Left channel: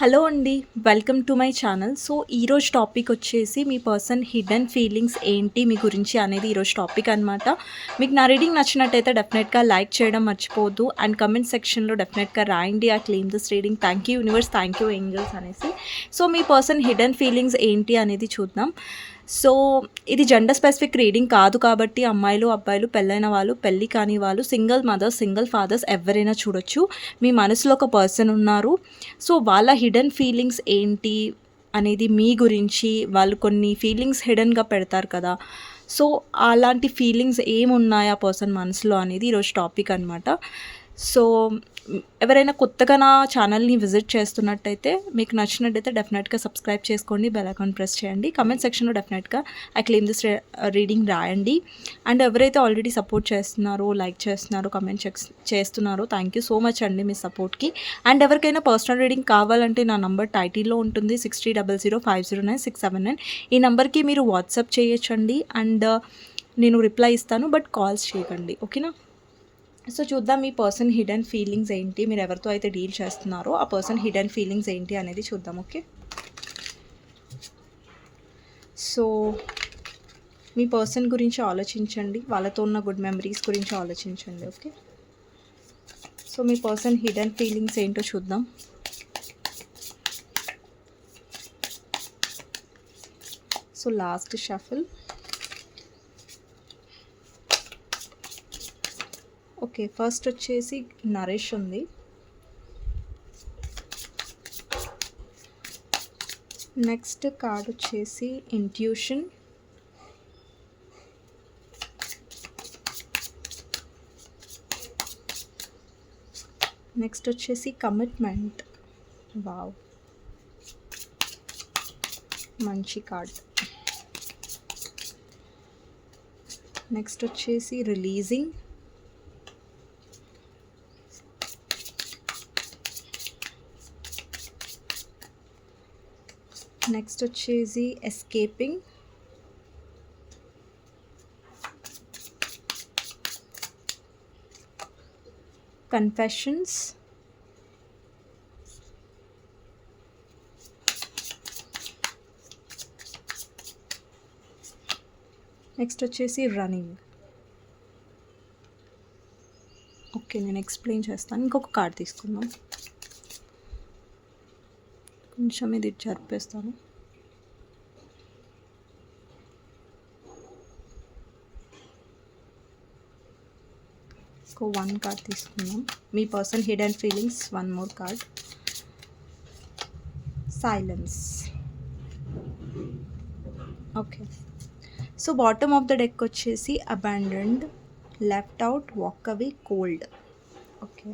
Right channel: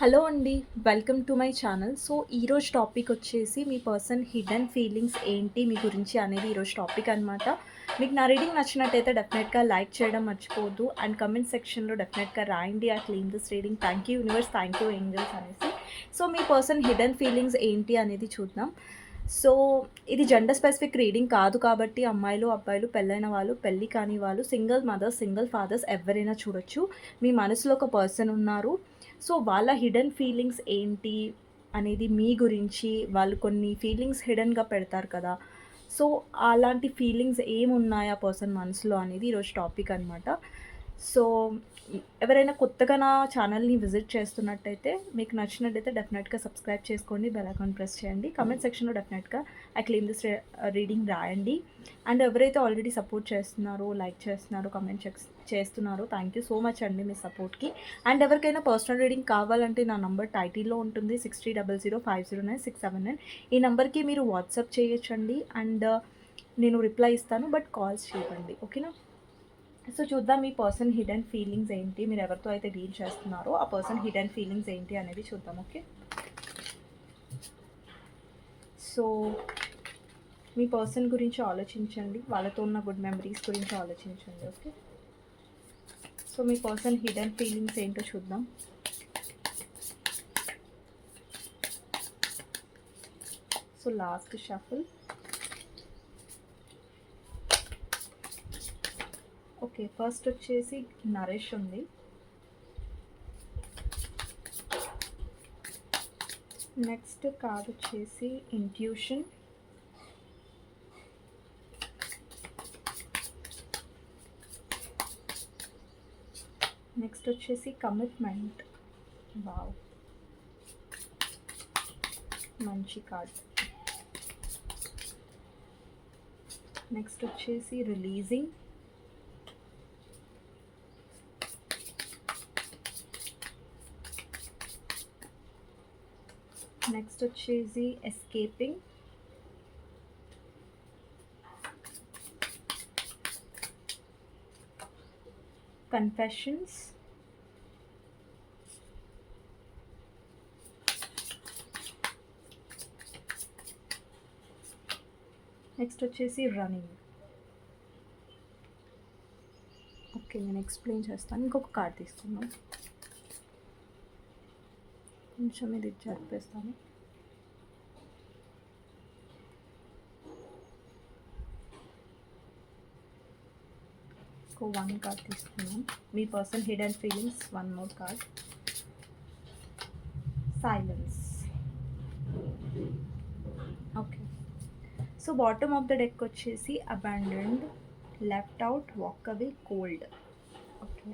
Hello అండి. Welcome to my channel. So, ఈరోజు topic వచ్చేసి మీ పర్సన్ హిడెన్ ఫీలింగ్స్ ఏంటి మీ గురించి అనేది ఈరోజు టాపిక్ అనమాట. మీకు నా రీడింగ్ నచ్చినట్టయితే డెఫినెట్‌గా లైక్ చేయడం మర్చిపోవద్దు. అండ్ కమెంట్ సెక్షన్‌లో డెఫినెట్‌గా రాయండి. I claim this reading. Thank you universe, thank you angels అనేసి. సో, మీ పర్సన్ హిడెన్ ఫీలింగ్స్ ఏంటి అనేది చూద్దాం. సో, ఇది జెండర్ స్పెసిఫిక్ రీడింగ్ కాదు కాబట్టి అమ్మాయిలు, అబ్బాయిలు, పెళ్ళైన వాళ్ళు, పెళ్లి కాని వాళ్ళు, సింగిల్ మదర్స్, సింగిల్ ఫాదర్స్ ఎవరైనా చూడొచ్చు. మీ మనసులో ఒక పర్సన్ ఉన్నారు. సో, వాళ్ళ హిడెన్ ఫీలింగ్స్ ఏంటి అనేది మీ గురించి వాళ్ళు కొన్ని ఫీలింగ్స్ హిడెన్‌గా పెడతారు కదా! సో, అలాంటి ఫీలింగ్స్ ఏమున్నాయి ఆ పర్సన్ మనసులో అనేది ఈరోజు టాపిక్ అనమాట. సో, ఎవరైనా కొత్తగా నా ఛానల్‌ని విజిట్ చేస్తున్నట్టయితే మీకు నచ్చినట్టయితే డెఫినెట్‌గా సబ్స్క్రైబ్ చేసుకోండి. బెల్ ఐకాన్ ప్రెస్ చేయండి. కామెంట్ సెక్షన్‌లో డెఫినెట్‌గా ఐ క్లెయిమ్ దిస్ రీడింగ్ రాయండి. అండ్ ఎవరైతే ఆల్రెడీ సపోర్ట్ చేస్తున్నారో, లైక్ చేస్తున్నారో, కమెంట్ చేస్తున్నారో థ్యాంక్ యూ సో మచ్ అండి మీ సపోర్ట్‌కి. అండ్ ఎవరికైనా పర్సనల్ రీడింగ్ కావాలంటే నా నంబర్ టైటిల్‌లో ఉంటుంది 6300509679. ఈ నంబర్‌కి మీరు వాట్సాప్ చేయొచ్చండి. అండ్ నేను రిప్లై ఇస్తాను. బట్ కాల్స్ చేయకండి. ఓకేనా? సో, చూద్దాం మీ పర్సన్ హిడెన్ ఫీలింగ్స్ ఏంటి, మీరు ఎవరితో అయితే డీల్ చేస్తున్నారో ఆ పర్సన్ హిడెన్ ఫీలింగ్స్ ఏంటి అనేది చూద్దాం. ఓకే. సో, మీ పర్సన్ గురించి ఆలోచించండి. వాళ్ళతో ఉన్న గుడ్ మెమరీస్ గురించి ఆలోచించండి. ఓకే. సో, మీ పర్సన్ హిడెన్ ఫీలింగ్స్ ఏంటో చూద్దాం. So, last shuffle. Okay, first వచ్చేసి నరేష్ ఉంది. నెక్స్ట్ కార్డ్ వచ్చేసి ఇంట్యూషన్. నెక్స్ట్ వచ్చేసి కమిట్మెంట్. వావ్, మంచి కార్డ్. నెక్స్ట్ వచ్చేసి రిలీజింగ్. నెక్స్ట్ వచ్చేసి ఎస్కేపింగ్. కన్ఫెషన్స్. నెక్స్ట్ వచ్చేసి రన్నింగ్. ఓకే, నేను ఎక్స్ప్లెయిన్ చేస్తాను. ఇంకొక కార్డ్ తీసుకుందాం. కొంచెం ఇది జరిపేస్తాను. వన్ కార్డ్ తీసుకున్నాం. మీ person hidden feelings. One more card, silence. Okay. So, bottom of the deck వచ్చేసి abandoned, left out, walk away, cold. Okay.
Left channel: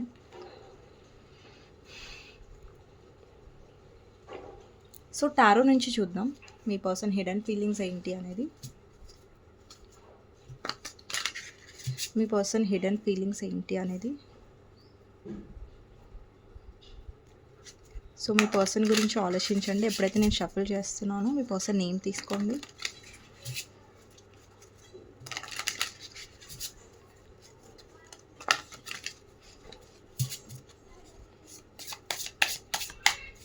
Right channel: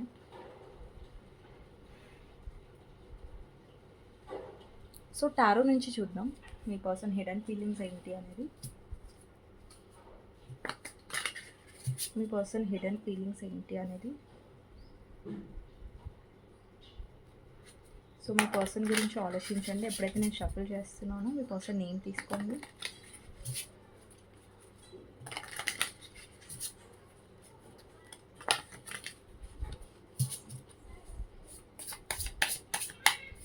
So, tarot నుంచి చూద్దాం మీ పర్సన్ హిడెన్ ఫీలింగ్స్ ఏంటి అనేది. మీ పర్సన్ హిడెన్ ఫీలింగ్స్ ఏంటి అనేది. సో, మీ పర్సన్ గురించి ఆలోచించండి. ఎప్పుడైతే నేను షఫుల్ చేస్తున్నానో మీ పర్సన్ నేమ్ తీసుకోండి.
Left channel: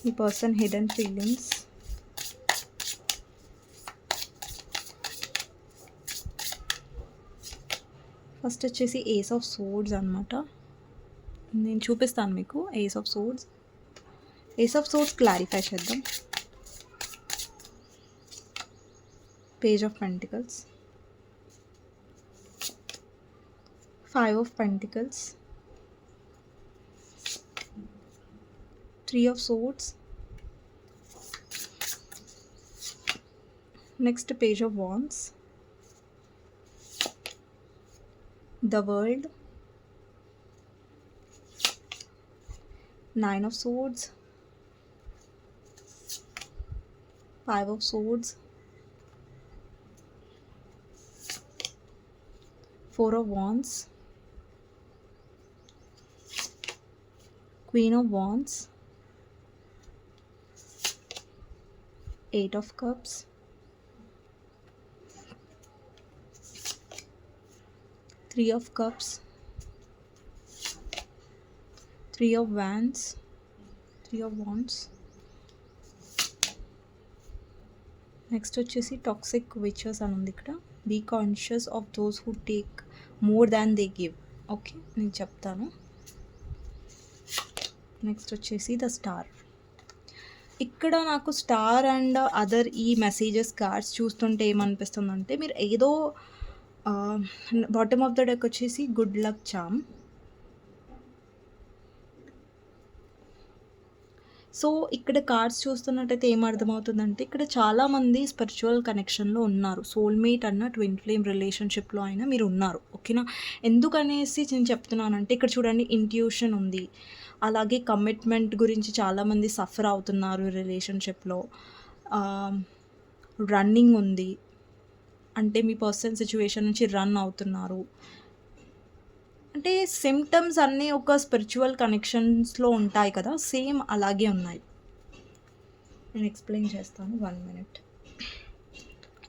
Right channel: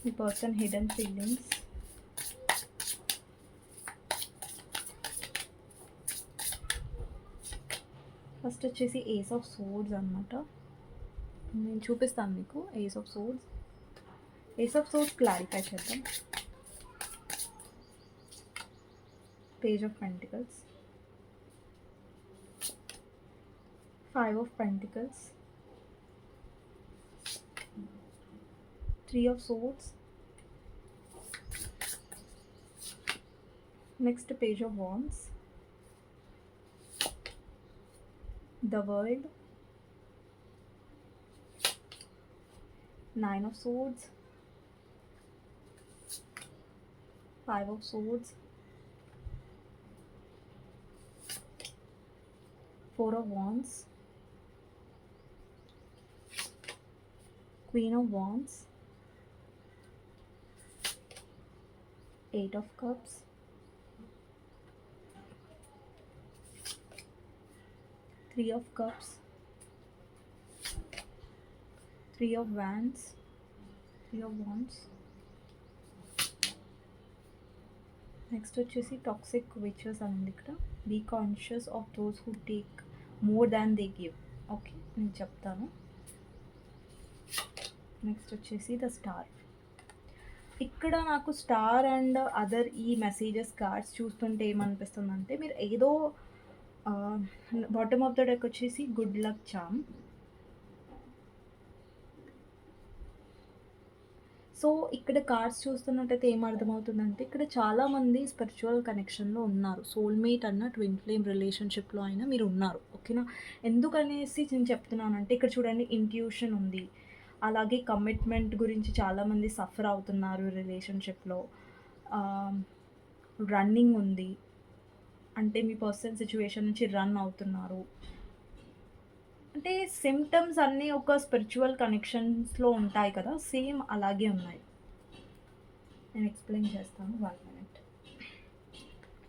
మీ పర్సన్ హిడెన్ ఫీలింగ్స్. ఫస్ట్ వచ్చేసి ఏస్ ఆఫ్ సోర్డ్స్ అనమాట. నేను చూపిస్తాను మీకు ace of swords. Ace of swords clarify చేద్దాం. Page of pentacles, five of pentacles, three of swords, next page of wands, the world, nine of swords, five of swords, four of wands, queen of wands, eight of cups, three of cups, three of wands, next వచ్చేసి toxic witches అని ఉంది ఇక్కడ. Be conscious of those who take more than they give. Okay, నేను చెప్తాను. Next వచ్చేసి the star. ఇక్కడ నాకు star and other ఈ మెసేజెస్ కార్డ్స్ చూస్తుంటే ఏమనిపిస్తుందంటే, మీరు ఏదో బాటమ్ ఆఫ్ ద డెక్ వచ్చేసి గుడ్ లక్ చామ్. సో ఇక్కడ కార్డ్స్ చూస్తున్నట్టయితే ఏమర్థమవుతుందంటే, ఇక్కడ చాలామంది స్పిరిచువల్ కనెక్షన్లో ఉన్నారు. సోల్మేట్ అన్న ట్విన్ ఫ్లేమ్ రిలేషన్షిప్లో అయినా మీరు ఉన్నారు. ఓకేనా, ఎందుకనేసి నేను చెప్తున్నానంటే, ఇక్కడ చూడండి ఇంట్యూషన్ ఉంది, అలాగే కమిట్మెంట్ గురించి చాలామంది సఫర్ అవుతున్నారు రిలేషన్షిప్లో. రన్నింగ్ ఉంది, అంటే మీ పర్సనల్ సిచ్యువేషన్ నుంచి రన్ అవుతున్నారు. అంటే సిమ్టమ్స్ అన్నీ ఒక స్పిరిచువల్ కనెక్షన్స్లో ఉంటాయి కదా, సేమ్ అలాగే ఉన్నాయి. నేను ఎక్స్ప్లెయిన్ చేస్తాను, 1 మినిట్.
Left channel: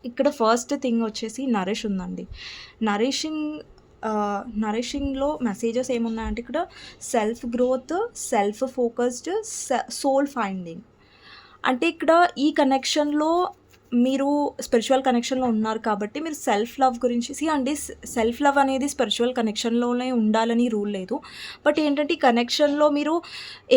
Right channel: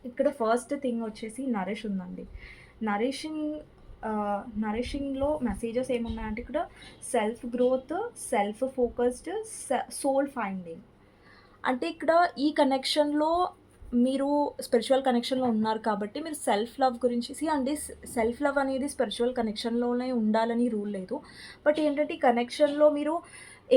ఇక్కడ ఫస్ట్ థింగ్ వచ్చేసి నరిష్ ఉందండి. నరిషింగ్లో మెసేజెస్ ఏమున్నాయంటే, ఇక్కడ self growth, self focused, soul finding. అంటే ఇక్కడ ఈ కనెక్షన్లో మీరు స్పిరిచువల్ కనెక్షన్లో ఉన్నారు కాబట్టి మీరు సెల్ఫ్ లవ్ గురించి అండి. సెల్ఫ్ లవ్ అనేది స్పిరిచువల్ కనెక్షన్లోనే ఉండాలని రూల్ లేదు. బట్ ఏంటంటే ఈ కనెక్షన్లో మీరు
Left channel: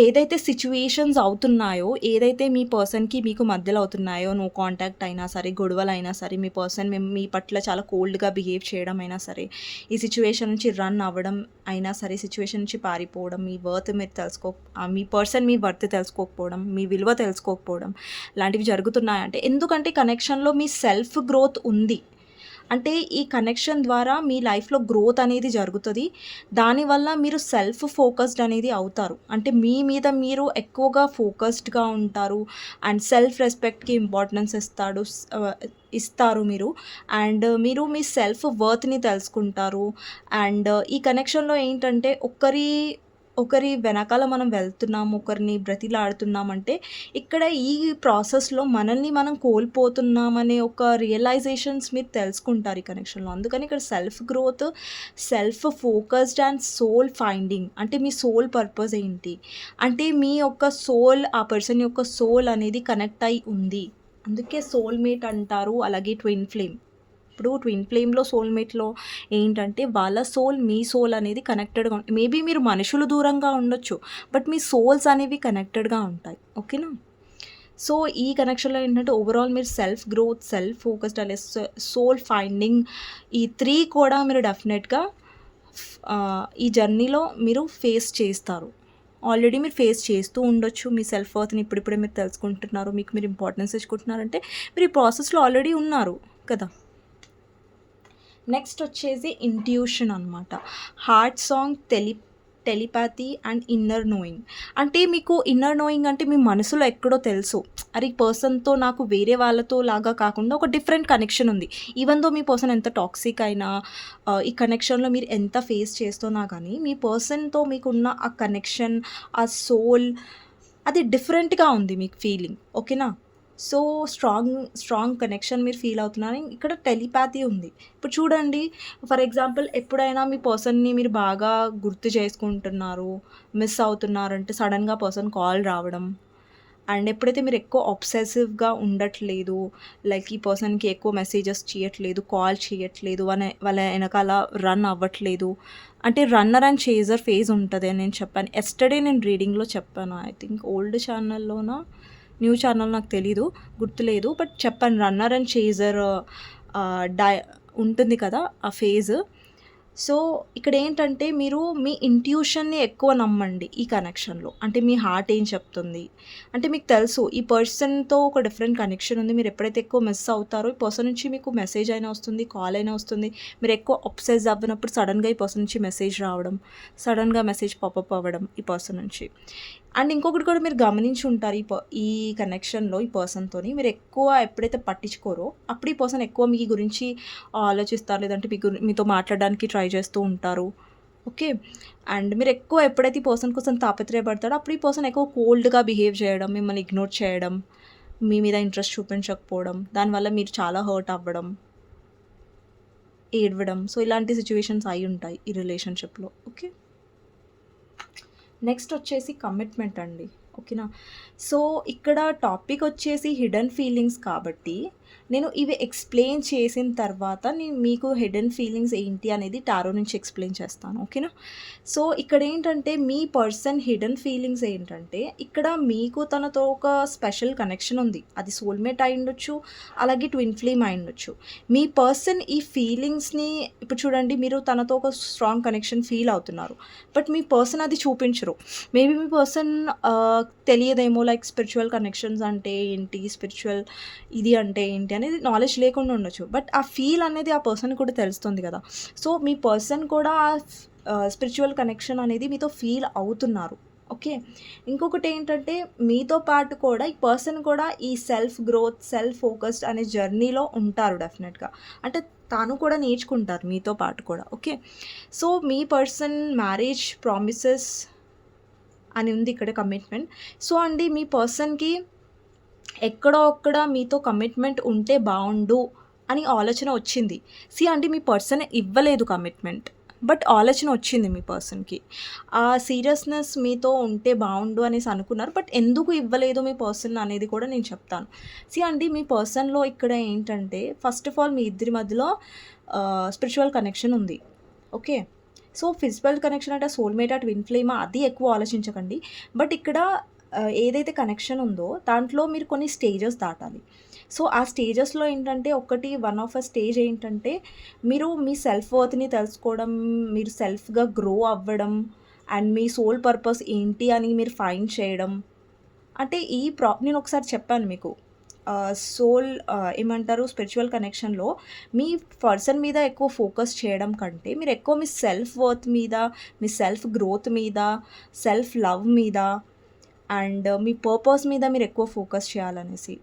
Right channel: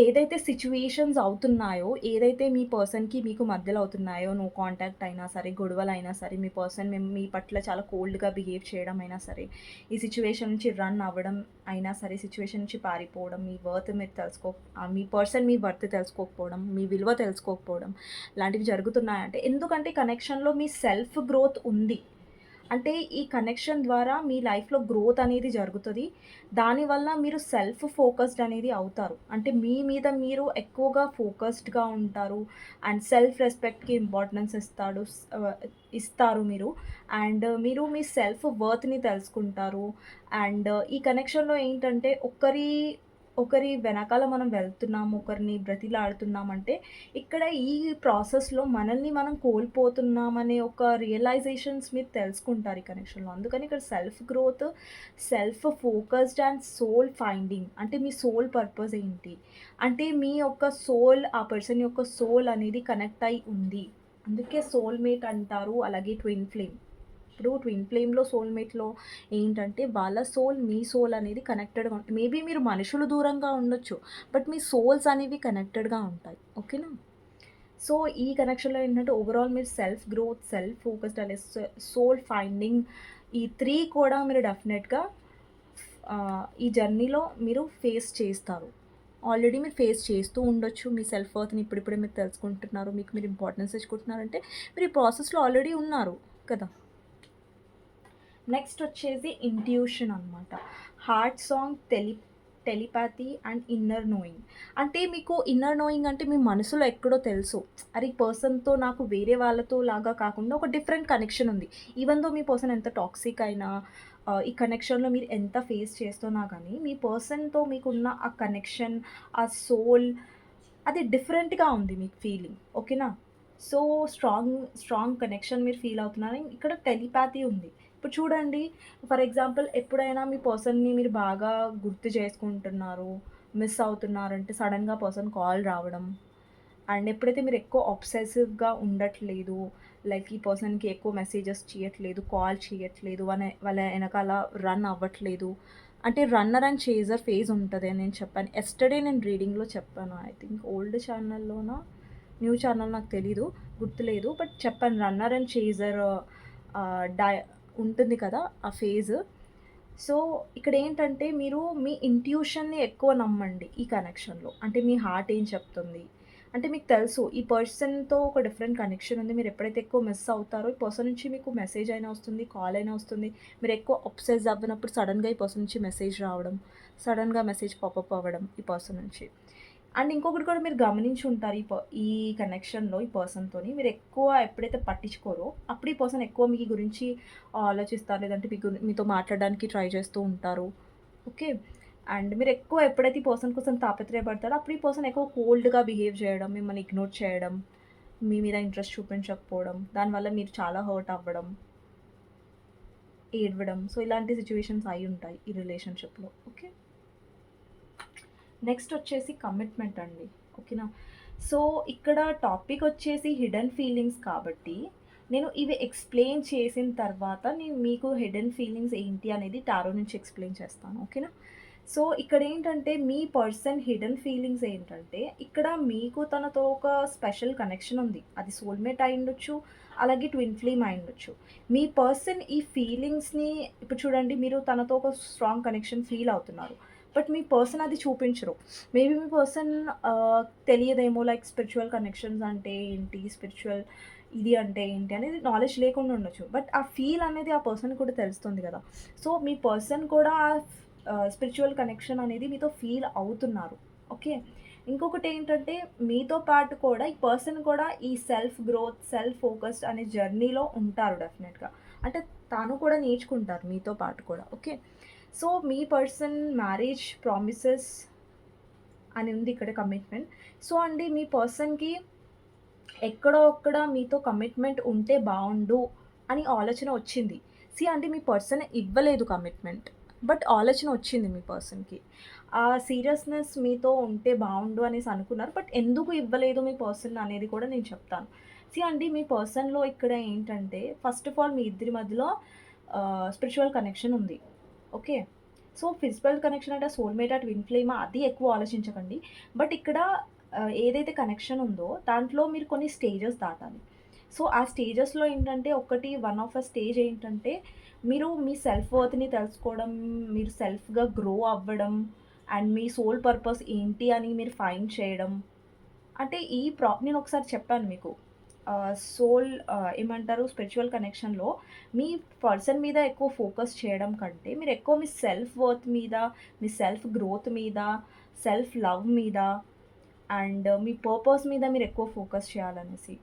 ఏదైతే సిచ్యువేషన్స్ అవుతున్నాయో, ఏదైతే మీ పర్సన్కి మీకు మధ్యలో అవుతున్నాయో, నో కాంటాక్ట్ అయినా సరే, గొడవలు అయినా సరే, మీ పర్సన్ మీ పట్ల చాలా కోల్డ్గా బిహేవ్ చేయడం అయినా సరే, ఈ సిచ్యువేషన్ నుంచి రన్ అవ్వడం అయినా సరే, సిచ్యువేషన్ నుంచి పారిపోవడం, మీ వర్త్ మీరు మీ పర్సన్ మీ వర్త్ తెలుసుకోకపోవడం, మీ విలువ తెలుసుకోకపోవడం, లాంటివి జరుగుతున్నాయంటే, ఎందుకంటే కనెక్షన్లో మీ సెల్ఫ్ గ్రోత్ ఉంది. అంటే ఈ కనెక్షన్ ద్వారా మీ లైఫ్లో గ్రోత్ అనేది జరుగుతుంది. దానివల్ల మీరు సెల్ఫ్ ఫోకస్డ్ అనేది అవుతారు. అంటే మీ మీద మీరు ఎక్కువగా ఫోకస్డ్గా ఉంటారు అండ్ సెల్ఫ్ రెస్పెక్ట్కి ఇంపార్టెన్స్ ఇస్తారు మీరు. అండ్ మీరు మీ సెల్ఫ్ వర్త్ని తెలుసుకుంటారు. అండ్ ఈ కనెక్షన్లో ఏంటంటే ఒకరి వెనకాల మనం వెళ్తున్నాము, ఒకరిని బ్రతిలాడుతున్నామంటే, ఇక్కడ ఈ ప్రాసెస్లో మనల్ని మనం కోల్పోతున్నామనే ఒక రియలైజేషన్స్ మీరు తెలుసుకుంటారు ఈ కనెక్షన్లో. అందుకని ఇక్కడ self growth, self focused and soul finding. అంటే మీ సోల్ పర్పస్ ఏంటి, అంటే మీ యొక్క సోల్, ఆ పర్సన్ యొక్క సోల్ అనేది కనెక్ట్ అయి ఉంది. అందుకే సోల్మేట్ అంటారు. అలాగే ట్విన్ ఫ్లేమ్. ఇప్పుడు ట్విన్ ఫ్లేమ్లో, సోల్మేట్లో ఏంటంటే వాళ్ళ సోల్, మీ సోల్ అనేది కనెక్టెడ్గా ఉంటుంది. మేబీ మీరు మనుషులు దూరంగా ఉండొచ్చు, బట్ మీ సోల్స్ అనేవి కనెక్టెడ్గా ఉంటాయి. ఓకేనా, సో ఈ కనెక్షన్లో ఏంటంటే ఓవరాల్ మీరు సెల్ఫ్ గ్రోత్, సెల్ఫ్ ఫోకస్డ్ అనే సోల్ ఫైండింగ్, ఈ 3 కూడా మీరు డెఫినెట్గా ఈ జర్నీలో మీరు ఫేస్ చేస్తారు. ఆల్రెడీ మీరు ఫేస్ చేస్తూ ఉండొచ్చు. మీ సెల్ఫ్ వర్త్ని ఇప్పుడిప్పుడే మీరు తెలుసుకుంటున్నారు, మీకు మీరు ఇంపార్టెన్స్ ఇచ్చుకుంటున్నారంటే మీరు ఈ ప్రాసెస్లో ఆల్రెడీ ఉన్నారు కదా. నెక్స్ట్ వచ్చేసి ఇంట్యూషన్ అనమాట. Heart song, telepathy and inner knowing. అంటే మీకు ఇన్నర్ నోయింగ్ అంటే మీ మనసులో ఎక్కడో తెలుసు, అరే ఈ పర్సన్తో నాకు వేరే వాళ్ళతో లాగా కాకుండా ఒక డిఫరెంట్ కనెక్షన్ ఉంది. ఈవెన్ దో మీ పర్సన్ ఎంత టాక్సిక్ అయినా, ఈ కనెక్షన్లో మీరు ఎంత ఫేస్ చేస్తున్నా కానీ, మీ పర్సన్తో మీకున్న ఆ కనెక్షన్, ఆ సోల్, అది డిఫరెంట్గా ఉంది మీకు ఫీలింగ్. ఓకేనా, సో స్ట్రాంగ్ కనెక్షన్ మీరు ఫీల్ అవుతున్నారు. ఇక్కడ టెలిపాథీ ఉంది. ఇప్పుడు చూడండి, ఫర్ ఎగ్జాంపుల్ ఎప్పుడైనా మీ పర్సన్ని మీరు బాగా గుర్తు చేసుకుంటున్నారు, మిస్ అవుతున్నారంటే సడన్గా పర్సన్ కాల్ రావడం. అండ్ ఎప్పుడైతే మీరు ఎక్కువ ఆబ్సెసివ్గా ఉండట్లేదు, లైక్ ఈ పర్సన్కి ఎక్కువ మెసేజెస్ చేయట్లేదు, కాల్ చేయట్లేదు, వాళ్ళ వెనకాల రన్ అవ్వట్లేదు, అంటే రన్నర్ అండ్ చేజర్ ఫేజ్ ఉంటుంది అని నేను చెప్పాను. ఎస్టర్డే నేను రీడింగ్లో చెప్పాను. ఐ థింక్ ఓల్డ్ ఛానల్లోనా న్యూ ఛానల్ నాకు తెలీదు, గుర్తులేదు, బట్ చెప్పాను రన్నర్ అండ్ చేజర్ ఉంటుంది కదా ఆ ఫేజ్. సో ఇక్కడ ఏంటంటే మీరు మీ ఇంట్యూషన్ని ఎక్కువ నమ్మండి ఈ కనెక్షన్లో. అంటే మీ హార్ట్ ఏం చెప్తుంది, అంటే మీకు తెలుసు ఈ పర్సన్తో ఒక డిఫరెంట్ కనెక్షన్ ఉంది. మీరు ఎప్పుడైతే ఎక్కువ మిస్ అవుతారో ఈ పర్సన్ నుంచి మీకు మెసేజ్ అయినా వస్తుంది, కాల్ అయినా వస్తుంది. మీరు ఎక్కువ అబ్సెస్ అవ్వనప్పుడు సడన్గా ఈ పర్సన్ నుంచి మెసేజ్ రావడం, సడన్గా మెసేజ్ పాపప్ అవ్వడం ఈ పర్సన్ నుంచి. అండ్ ఇంకొకటి కూడా మీరు గమనించి ఉంటారు, ఈ కనెక్షన్లో ఈ పర్సన్తోని మీరు ఎక్కువ ఎప్పుడైతే పట్టించుకోరో అప్పుడు ఈ పర్సన్ ఎక్కువ మీ గురించి ఆలోచిస్తారు, లేదంటే మీతో మాట్లాడడానికి ట్రై చేస్తూ ఉంటారు. ఓకే, అండ్ మీరు ఎక్కువ ఎప్పుడైతే ఈ పర్సన్ కోసం తాపత్రయపడతాడో అప్పుడు ఈ పర్సన్ ఎక్కువ కోల్డ్గా బిహేవ్ చేయడం, మిమ్మల్ని ఇగ్నోర్ చేయడం, మీ మీద ఇంట్రెస్ట్ చూపించకపోవడం, దానివల్ల మీరు చాలా హర్ట్ అవ్వడం, ఏడవడం. సో ఇలాంటి సిచ్యువేషన్స్ అయి ఉంటాయి ఈ రిలేషన్షిప్లో. ఓకే, నెక్స్ట్ వచ్చేసి కమిట్మెంట్ అండి. ఓకేనా, సో ఇక్కడ టాపిక్ వచ్చేసి హిడెన్ ఫీలింగ్స్ కాబట్టి నేను ఇవి ఎక్స్‌ప్లెయిన్ చేసిన తర్వాత నేను మీకు హిడెన్ ఫీలింగ్స్ ఏంటి అనేది టారో నుంచి ఎక్స్‌ప్లెయిన్ చేస్తాను. ఓకేనా? సో, ఇక్కడేంటంటే మీ పర్సన్ హిడెన్ ఫీలింగ్స్ ఏంటంటే, ఇక్కడ మీకు తనతో ఒక స్పెషల్ కనెక్షన్ ఉంది. అది సోల్‌మేట్ అయ్యుండొచ్చు, అలాగే ట్విన్ ఫ్లేమ్ అయ్యుండొచ్చు. మీ పర్సన్ ఈ ఫీలింగ్స్‌ని ఇప్పుడు చూడండి, మీరు తనతో ఒక స్ట్రాంగ్ కనెక్షన్ ఫీల్ అవుతున్నారు. బట్ మీ పర్సన్ అది చూపించరు. మేబీ మీ పర్సన్ తెలియదేమో, లైక్ స్పిరిచ్యువల్ కనెక్షన్స్ అంటే ఏంటి? స్పిరిచ్యువల్ ఇది అంటే ఏంటి అనేది నాలెడ్జ్ లేకుండా ఉండొచ్చు. బట్ ఆ ఫీల్ అనేది ఆ పర్సన్‌కి కూడా తెలుస్తుంది కదా! సో, మీ పర్సన్ కూడా స్పిరిచ్యువల్ కనెక్షన్ అనేది మీతో ఫీల్ అవుతున్నారు. ఓకే. ఇంకొకటేంటంటే మీతో పాటు కూడా ఈ పర్సన్ కూడా ఈ సెల్ఫ్ గ్రోత్, సెల్ఫ్ ఫోకస్డ్ అనే జర్నీలో ఉంటారు డెఫినెట్‌గా. అంటే తాను కూడా నేర్చుకుంటారు మీతో పాటు కూడా. ఓకే. సో, మీ పర్సన్ మ్యారేజ్ ప్రామిసెస్ అని ఉంది ఇక్కడ కమిట్మెంట్. సో అండి, మీ పర్సన్‌కి ఎక్కడో అక్కడ మీతో కమిట్మెంట్ ఉంటే బావుండు అని ఆలోచన వచ్చింది. అంటే మీ పర్సన్ ఇవ్వలేదు కమిట్మెంట్. బట్ ఆలోచన వచ్చింది మీ పర్సన్‌కి. ఆ సీరియస్‌నెస్ మీతో ఉంటే బావుండు అనేసి అనుకున్నారు. బట్ ఎందుకు ఇవ్వలేదు మీ పర్సన్ అనేది కూడా నేను చెప్తాను. అండి, మీ పర్సన్‌లో ఇక్కడ ఏంటంటే ఫస్ట్ ఆఫ్ ఆల్ మీ ఇద్దరి మధ్యలో స్పిరిచ్యువల్ కనెక్షన్ ఉంది. ఓకే. సో, ఫిజికల్ కనెక్షన్ అంటే సోల్‌మేటా, ట్విన్ ఫ్లేమా అది ఎక్కువ ఆలోచించకండి. బట్ ఇక్కడ ఏదైతే కనెక్షన్ ఉందో దాంట్లో మీరు కొన్ని స్టేజెస్ దాటాలి. సో, ఆ స్టేజెస్‌లో ఏంటంటే వన్ ఆఫ్ స్టేజ్ ఏంటంటే మీరు మీ సెల్ఫ్ వర్త్‌ని తెలుసుకోవడం, మీరు సెల్ఫ్‌గా గ్రో అవ్వడం అండ్ మీ సోల్ పర్పస్ ఏంటి అని మీరు ఫైండ్ చేయడం. అంటే నేను ఒకసారి చెప్పాను మీకు. ఏమంటారు, స్పిరిచ్యువల్ కనెక్షన్‌లో మీ పర్సన్ మీద ఎక్కువ ఫోకస్ చేయడం కంటే మీరు ఎక్కువ మీ సెల్ఫ్ వర్త్ మీద, మీ సెల్ఫ్ గ్రోత్ మీద, సెల్ఫ్ లవ్ మీద అండ్ మీ పర్పస్ మీద మీరు ఎక్కువ ఫోకస్ చేయాలనేసి.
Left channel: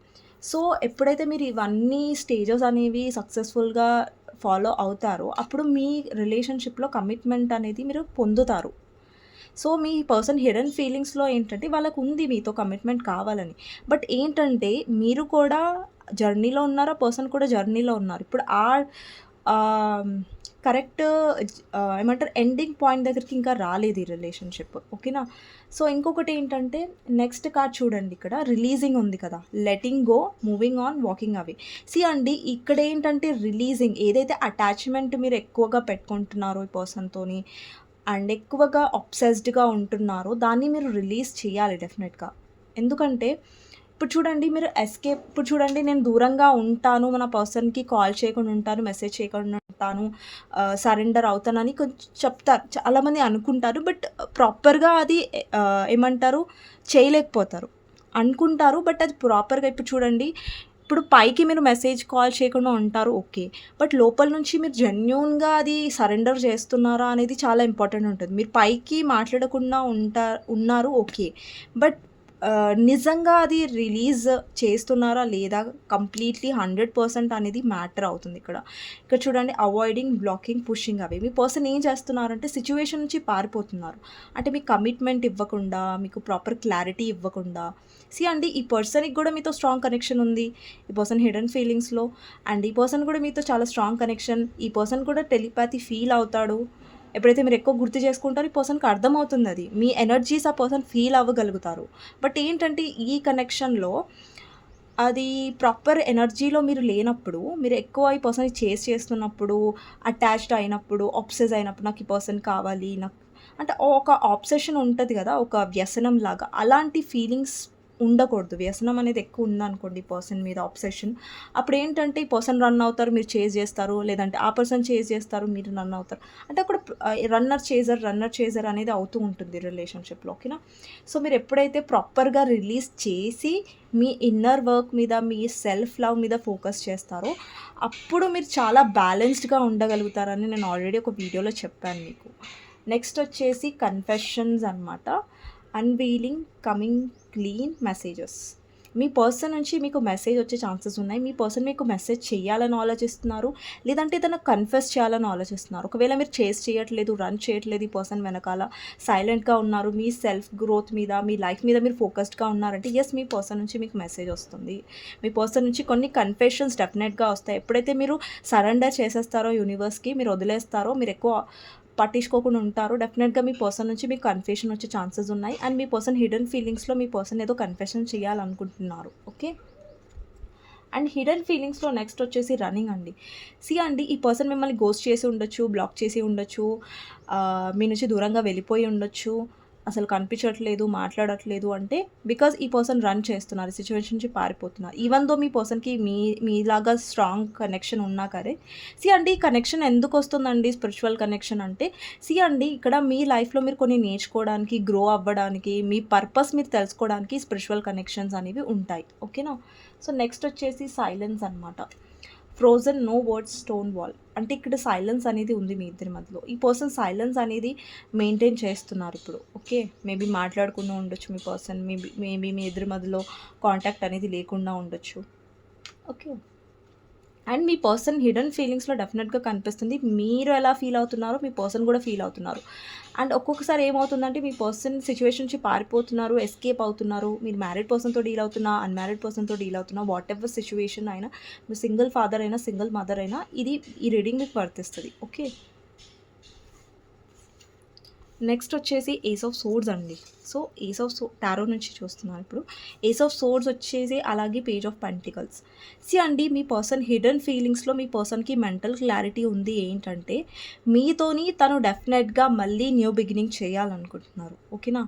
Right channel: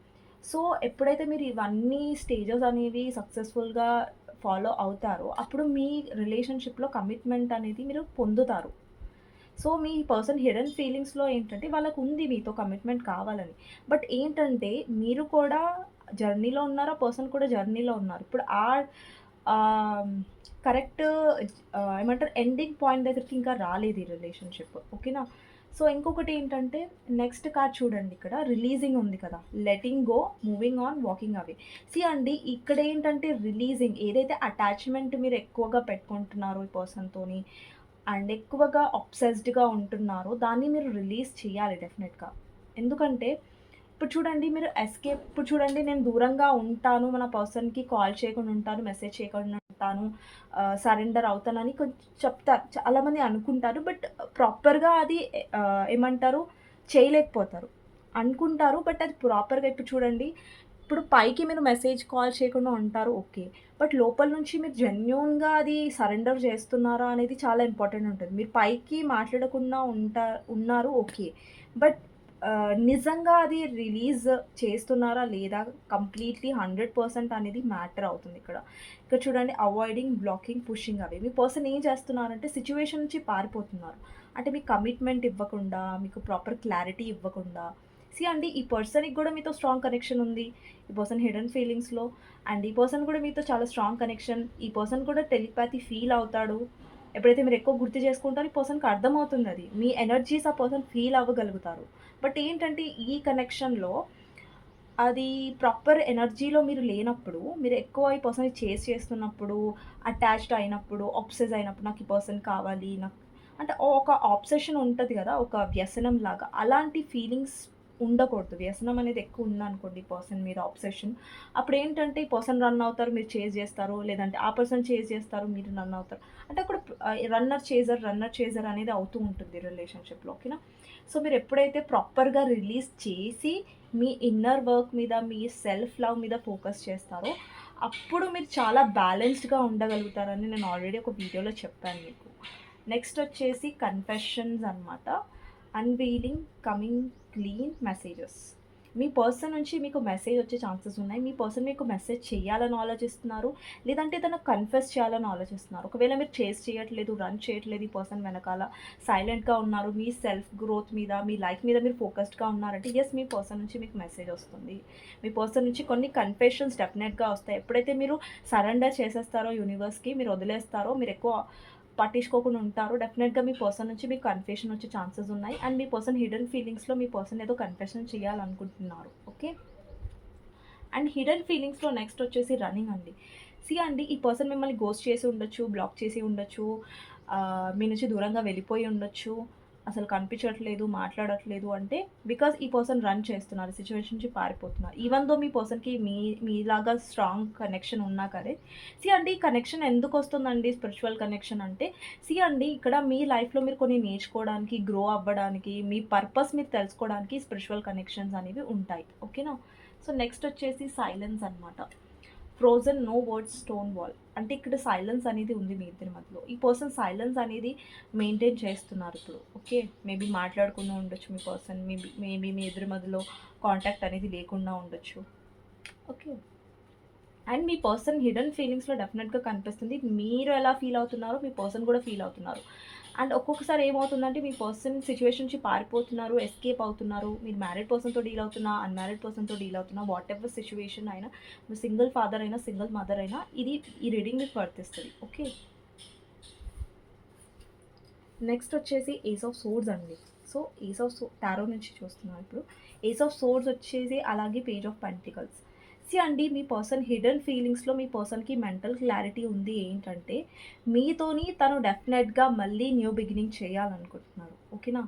సో, ఎప్పుడైతే మీరు ఇవన్నీ స్టేజెస్ అనేవి సక్సెస్‌ఫుల్‌గా ఫాలో అవుతారో, అప్పుడు మీ రిలేషన్‌షిప్‌లో కమిట్మెంట్ అనేది మీరు పొందుతారు. సో, మీ పర్సన్ హిడెన్ ఫీలింగ్స్‌లో ఏంటంటే వాళ్ళకుంది మీతో కమిట్మెంట్ కావాలని. బట్ ఏంటంటే మీరు కూడా జర్నీలో ఉన్నారు. ఆ పర్సన్ కూడా జర్నీలో ఉన్నారు. ఇప్పుడు ఆహ్, కరెక్ట్ ఏమంటారు, ఎండింగ్ పాయింట్ దగ్గరికి ఇంకా రాలేదు ఈ రిలేషన్‌షిప్. ఓకేనా? సో, ఇంకొకటేంటంటే నెక్స్ట్ కార్డ్ చూడండి, ఇక్కడ రిలీజింగ్ ఉంది కదా! Letting go, moving on, walking away. అండి, ఇక్కడేంటంటే రిలీజింగ్, ఏదైతే అటాచ్‌మెంట్ మీరు ఎక్కువగా పెట్టుకుంటున్నారో ఈ పర్సన్‌తోని అండ్ ఎక్కువగా అబ్సెస్డ్‌గా ఉంటున్నారో దాన్ని మీరు రిలీజ్ చేయాలి డెఫినెట్‌గా. ఎందుకంటే ఇప్పుడు చూడండి, నేను దూరంగా ఉంటాను, మన పర్సన్‌కి కాల్ చేయకుండా ఉంటాను, మెసేజ్ చేయకుండా ఉంటాను, సరెండర్ అవుతానని కొంచెం చెప్తారు. చాలామంది అనుకుంటారు. బట్ ప్రాపర్‌గా అది ఏమంటారు, చేయలేకపోతారు. అనుకుంటారు. బట్ అది ప్రాపర్‌గా ఇప్పుడు చూడండి, ఇప్పుడు పైకి మీరు మెసేజ్, కాల్ చేయకుండా ఉంటారు ఓకే. బట్ లోపల నుంచి మీరు జెన్యూన్‌గా అది సరెండర్ చేస్తున్నారా అనేది చాలా ఇంపార్టెంట్ ఉంటది. మీరు పైకి మాట్లాడకుండా ఉన్నారు ఓకే. బట్ నిజంగా అది రిలీజ్ చేస్తున్నారా లేదా కంప్లీట్‌లీ 100% అనేది మ్యాటర్ అవుతుంది ఇక్కడ. ఇక్కడ చూడండి, అవాయిడింగ్, బ్లాకింగ్, పుషింగ్ అవే. మీ పర్సన్ ఏం చేస్తున్నారంటే సిట్యుయేషన్ నుంచి పారిపోతున్నారు. అంటే మీకు కమిట్మెంట్ ఇవ్వకుండా, మీకు ప్రాపర్ క్లారిటీ ఇవ్వకుండా. అండి, ఈ పర్సన్‌కి కూడా మీతో స్ట్రాంగ్ కనెక్షన్ ఉంది. ఈ పర్సన్ హిడెన్ ఫీలింగ్స్‌లో అండ్ ఈ పర్సన్ కూడా మీతో చాలా స్ట్రాంగ్ కనెక్షన్. ఈ పర్సన్ కూడా టెలిపాథీ ఫీల్ అవుతాడు. ఎప్పుడైతే మీరు ఎక్కువ గుర్తు చేసుకుంటారో ఈ పర్సన్‌కి అర్థమవుతుందది. మీ ఎనర్జీస్ ఆ పర్సన్ ఫీల్ అవ్వగలుగుతారు. బట్ ఏంటంటే ఈ కనెక్షన్‌లో అది ప్రాపర్ ఎనర్జీలో మీరు లేనప్పుడు, మీరు ఎక్కువ ఈ పర్సన్‌ని చేజ్ చేస్తున్నప్పుడు, అటాచ్డ్ అయినప్పుడు, అబ్సెస్ అయినప్పుడు నాకు ఈ పర్సన్ కావాలి, అంటే ఒక అబ్సెషన్ ఉంటది గదా! ఒక వ్యసనంలాగా. అలాంటి ఫీలింగ్స్ ఉండకూడదు. వ్యసనం అనేది ఎక్కువ ఉందనుకోండి ఈ పర్సన్ మీద అబ్సెషన్. అప్పుడేంటంటే ఈ పర్సన్ రన్ అవుతారు, మీరు చేజ్ చేస్తారు. లేదంటే ఆ పర్సన్ చేజ్ చేస్తారు, మీరు రన్ అవుతారు. అంటే అక్కడ రన్నర్ చేజర్ అనేది అవుతూ ఉంటుంది రిలేషన్‌షిప్‌లో. ఓకేనా? సో, మీరు ఎప్పుడైతే ప్రాపర్‌గా రిలీజ్ చేసి మీ ఇన్నర్ వర్క్ మీద, మీ సెల్ఫ్ లవ్ మీద ఫోకస్ చేస్తారో, అప్పుడు మీరు చాలా బ్యాలెన్స్డ్‌గా ఉండగలుగుతారని నేను ఆల్రెడీ ఒక వీడియోలో చెప్పాను మీకు. నెక్స్ట్ వచ్చేసి కన్ఫెషన్స్ అనమాట. Unveiling, coming clean messages. మీ పర్సన్ నుంచి మీకు మెసేజ్ వచ్చే ఛాన్సెస్ ఉన్నాయి. మీ పర్సన్ మీకు మెసేజ్ చేయాలని ఆలోచిస్తున్నారు. లేదంటే తనకు కన్ఫెస్ చేయాలని ఆలోచిస్తున్నారు. ఒకవేళ మీరు చేజ్ చేయట్లేదు, రన్ చేయట్లేదు, ఈ పర్సన్ వెనకాల సైలెంట్‌గా ఉన్నారు. మీ సెల్ఫ్ గ్రోత్ మీద, మీ లైఫ్ మీద మీరు ఫోకస్డ్‌గా ఉన్నారంటే యెస్, మీ పర్సన్ నుంచి మీకు మెసేజ్ వస్తుంది. మీ పర్సన్ నుంచి కొన్ని కన్ఫెషన్స్ డెఫినెట్‌గా వస్తాయి. ఎప్పుడైతే మీరు సరెండర్ చేసేస్తారో యూనివర్స్‌కి, మీరు వదిలేస్తారో, మీరు ఎక్కువ పట్టించుకోకుండా ఉంటారు. డెఫినెట్‌గా మీ పర్సన్ నుంచి మీకు కన్ఫెషన్ వచ్చే ఛాన్సెస్ ఉన్నాయి. అండ్ మీ పర్సన్ హిడెన్ ఫీలింగ్స్‌లో మీ పర్సన్ ఏదో కన్ఫెషన్ చేయాలనుకుంటున్నారు. ఓకే. అండ్ హిడెన్ ఫీలింగ్స్‌లో నెక్స్ట్ వచ్చేసి రన్నింగ్ అండి. అండి ఈ పర్సన్ మిమ్మల్ని గోస్ట్ చేసి ఉండొచ్చు, బ్లాక్ చేసి ఉండొచ్చు, మీ నుంచి దూరంగా వెళ్ళిపోయి ఉండొచ్చు. అసలు కనిపించట్లేదు, మాట్లాడట్లేదు అంటే బికాజ్ ఈ పర్సన్ రన్ చేస్తున్నారు. సిట్యుయేషన్ నుంచి పారిపోతున్నారు. ఈవెన్ దో మీ పర్సన్‌కి మీలాగా స్ట్రాంగ్ కనెక్షన్ ఉన్నా సరే, అండి ఈ కనెక్షన్ ఎందుకొస్తుందండి స్పిరిచువల్ కనెక్షన్ అంటే, అండి ఇక్కడ మీ లైఫ్‌లో మీరు కొన్ని నేర్చుకోవడానికి, గ్రో అవ్వడానికి, మీ పర్పస్ మీరు తెలుసుకోవడానికి స్పిరిచువల్ కనెక్షన్స్ అనేవి ఉంటాయి. ఓకేనా? సో నెక్స్ట్ వచ్చేసి సైలెన్స్ అనమాట. Frozen no words stone wall. అంటే ఇక్కడ సైలెన్స్ అనేది ఉంది మీ ఇద్దరి మధ్యలో. ఈ పర్సన్ సైలెన్స్ అనేది మెయింటైన్ చేస్తున్నారు ఇప్పుడు. ఓకే. మేబీ మాట్లాడకుండా ఉండొచ్చు మీ పర్సన్. మేబీ మీ ఇద్దరి మధ్యలో కాంటాక్ట్ అనేది లేకుండా ఉండొచ్చు. ఓకే. అండ్ మీ పర్సన్ హిడెన్ ఫీలింగ్స్‌లో డెఫినెట్‌గా కనిపిస్తుంది. మీరు ఎలా ఫీల్ అవుతున్నారో మీ పర్సన్ కూడా ఫీల్ అవుతున్నారు. అండ్ ఒక్కొక్కసారి ఏమవుతుందంటే మీ పర్సన్ సిట్యుయేషన్ నుంచి పారిపోతున్నారు, ఎస్కేప్ అవుతున్నారు. మీరు మ్యారీడ్ పర్సన్‌తో డీల్ అవుతున్నా, అన్‌మ్యారీడ్ పర్సన్‌తో డీల్ అవుతున్నా, వాటెవర్ సిట్యుయేషన్ అయినా, మీరు సింగిల్ ఫాదర్ అయినా, సింగిల్ మదర్ అయినా ఈ రీడింగ్ మీకు వర్తిస్తది. ఓకే. నెక్స్ట్ వచ్చేసి ఏస్ ఆఫ్ సోర్డ్స్ అండి. సో ఏస్ ఆఫ్ టారో నుంచి చూస్తున్నాను ఇప్పుడు. ఏస్ ఆఫ్ సోర్డ్స్ వచ్చేసి అలాగే పేజ్ ఆఫ్ పెంటికల్స్. అండి మీ పర్సన్ హిడెన్ ఫీలింగ్స్‌లో మీ పర్సన్‌కి మెంటల్ క్లారిటీ ఉంది ఏంటంటే, మీతోని తను డెఫినెట్‌గా మళ్ళీ న్యూ బిగినింగ్ చేయాలనుకుంటున్నారు. ఓకేనా?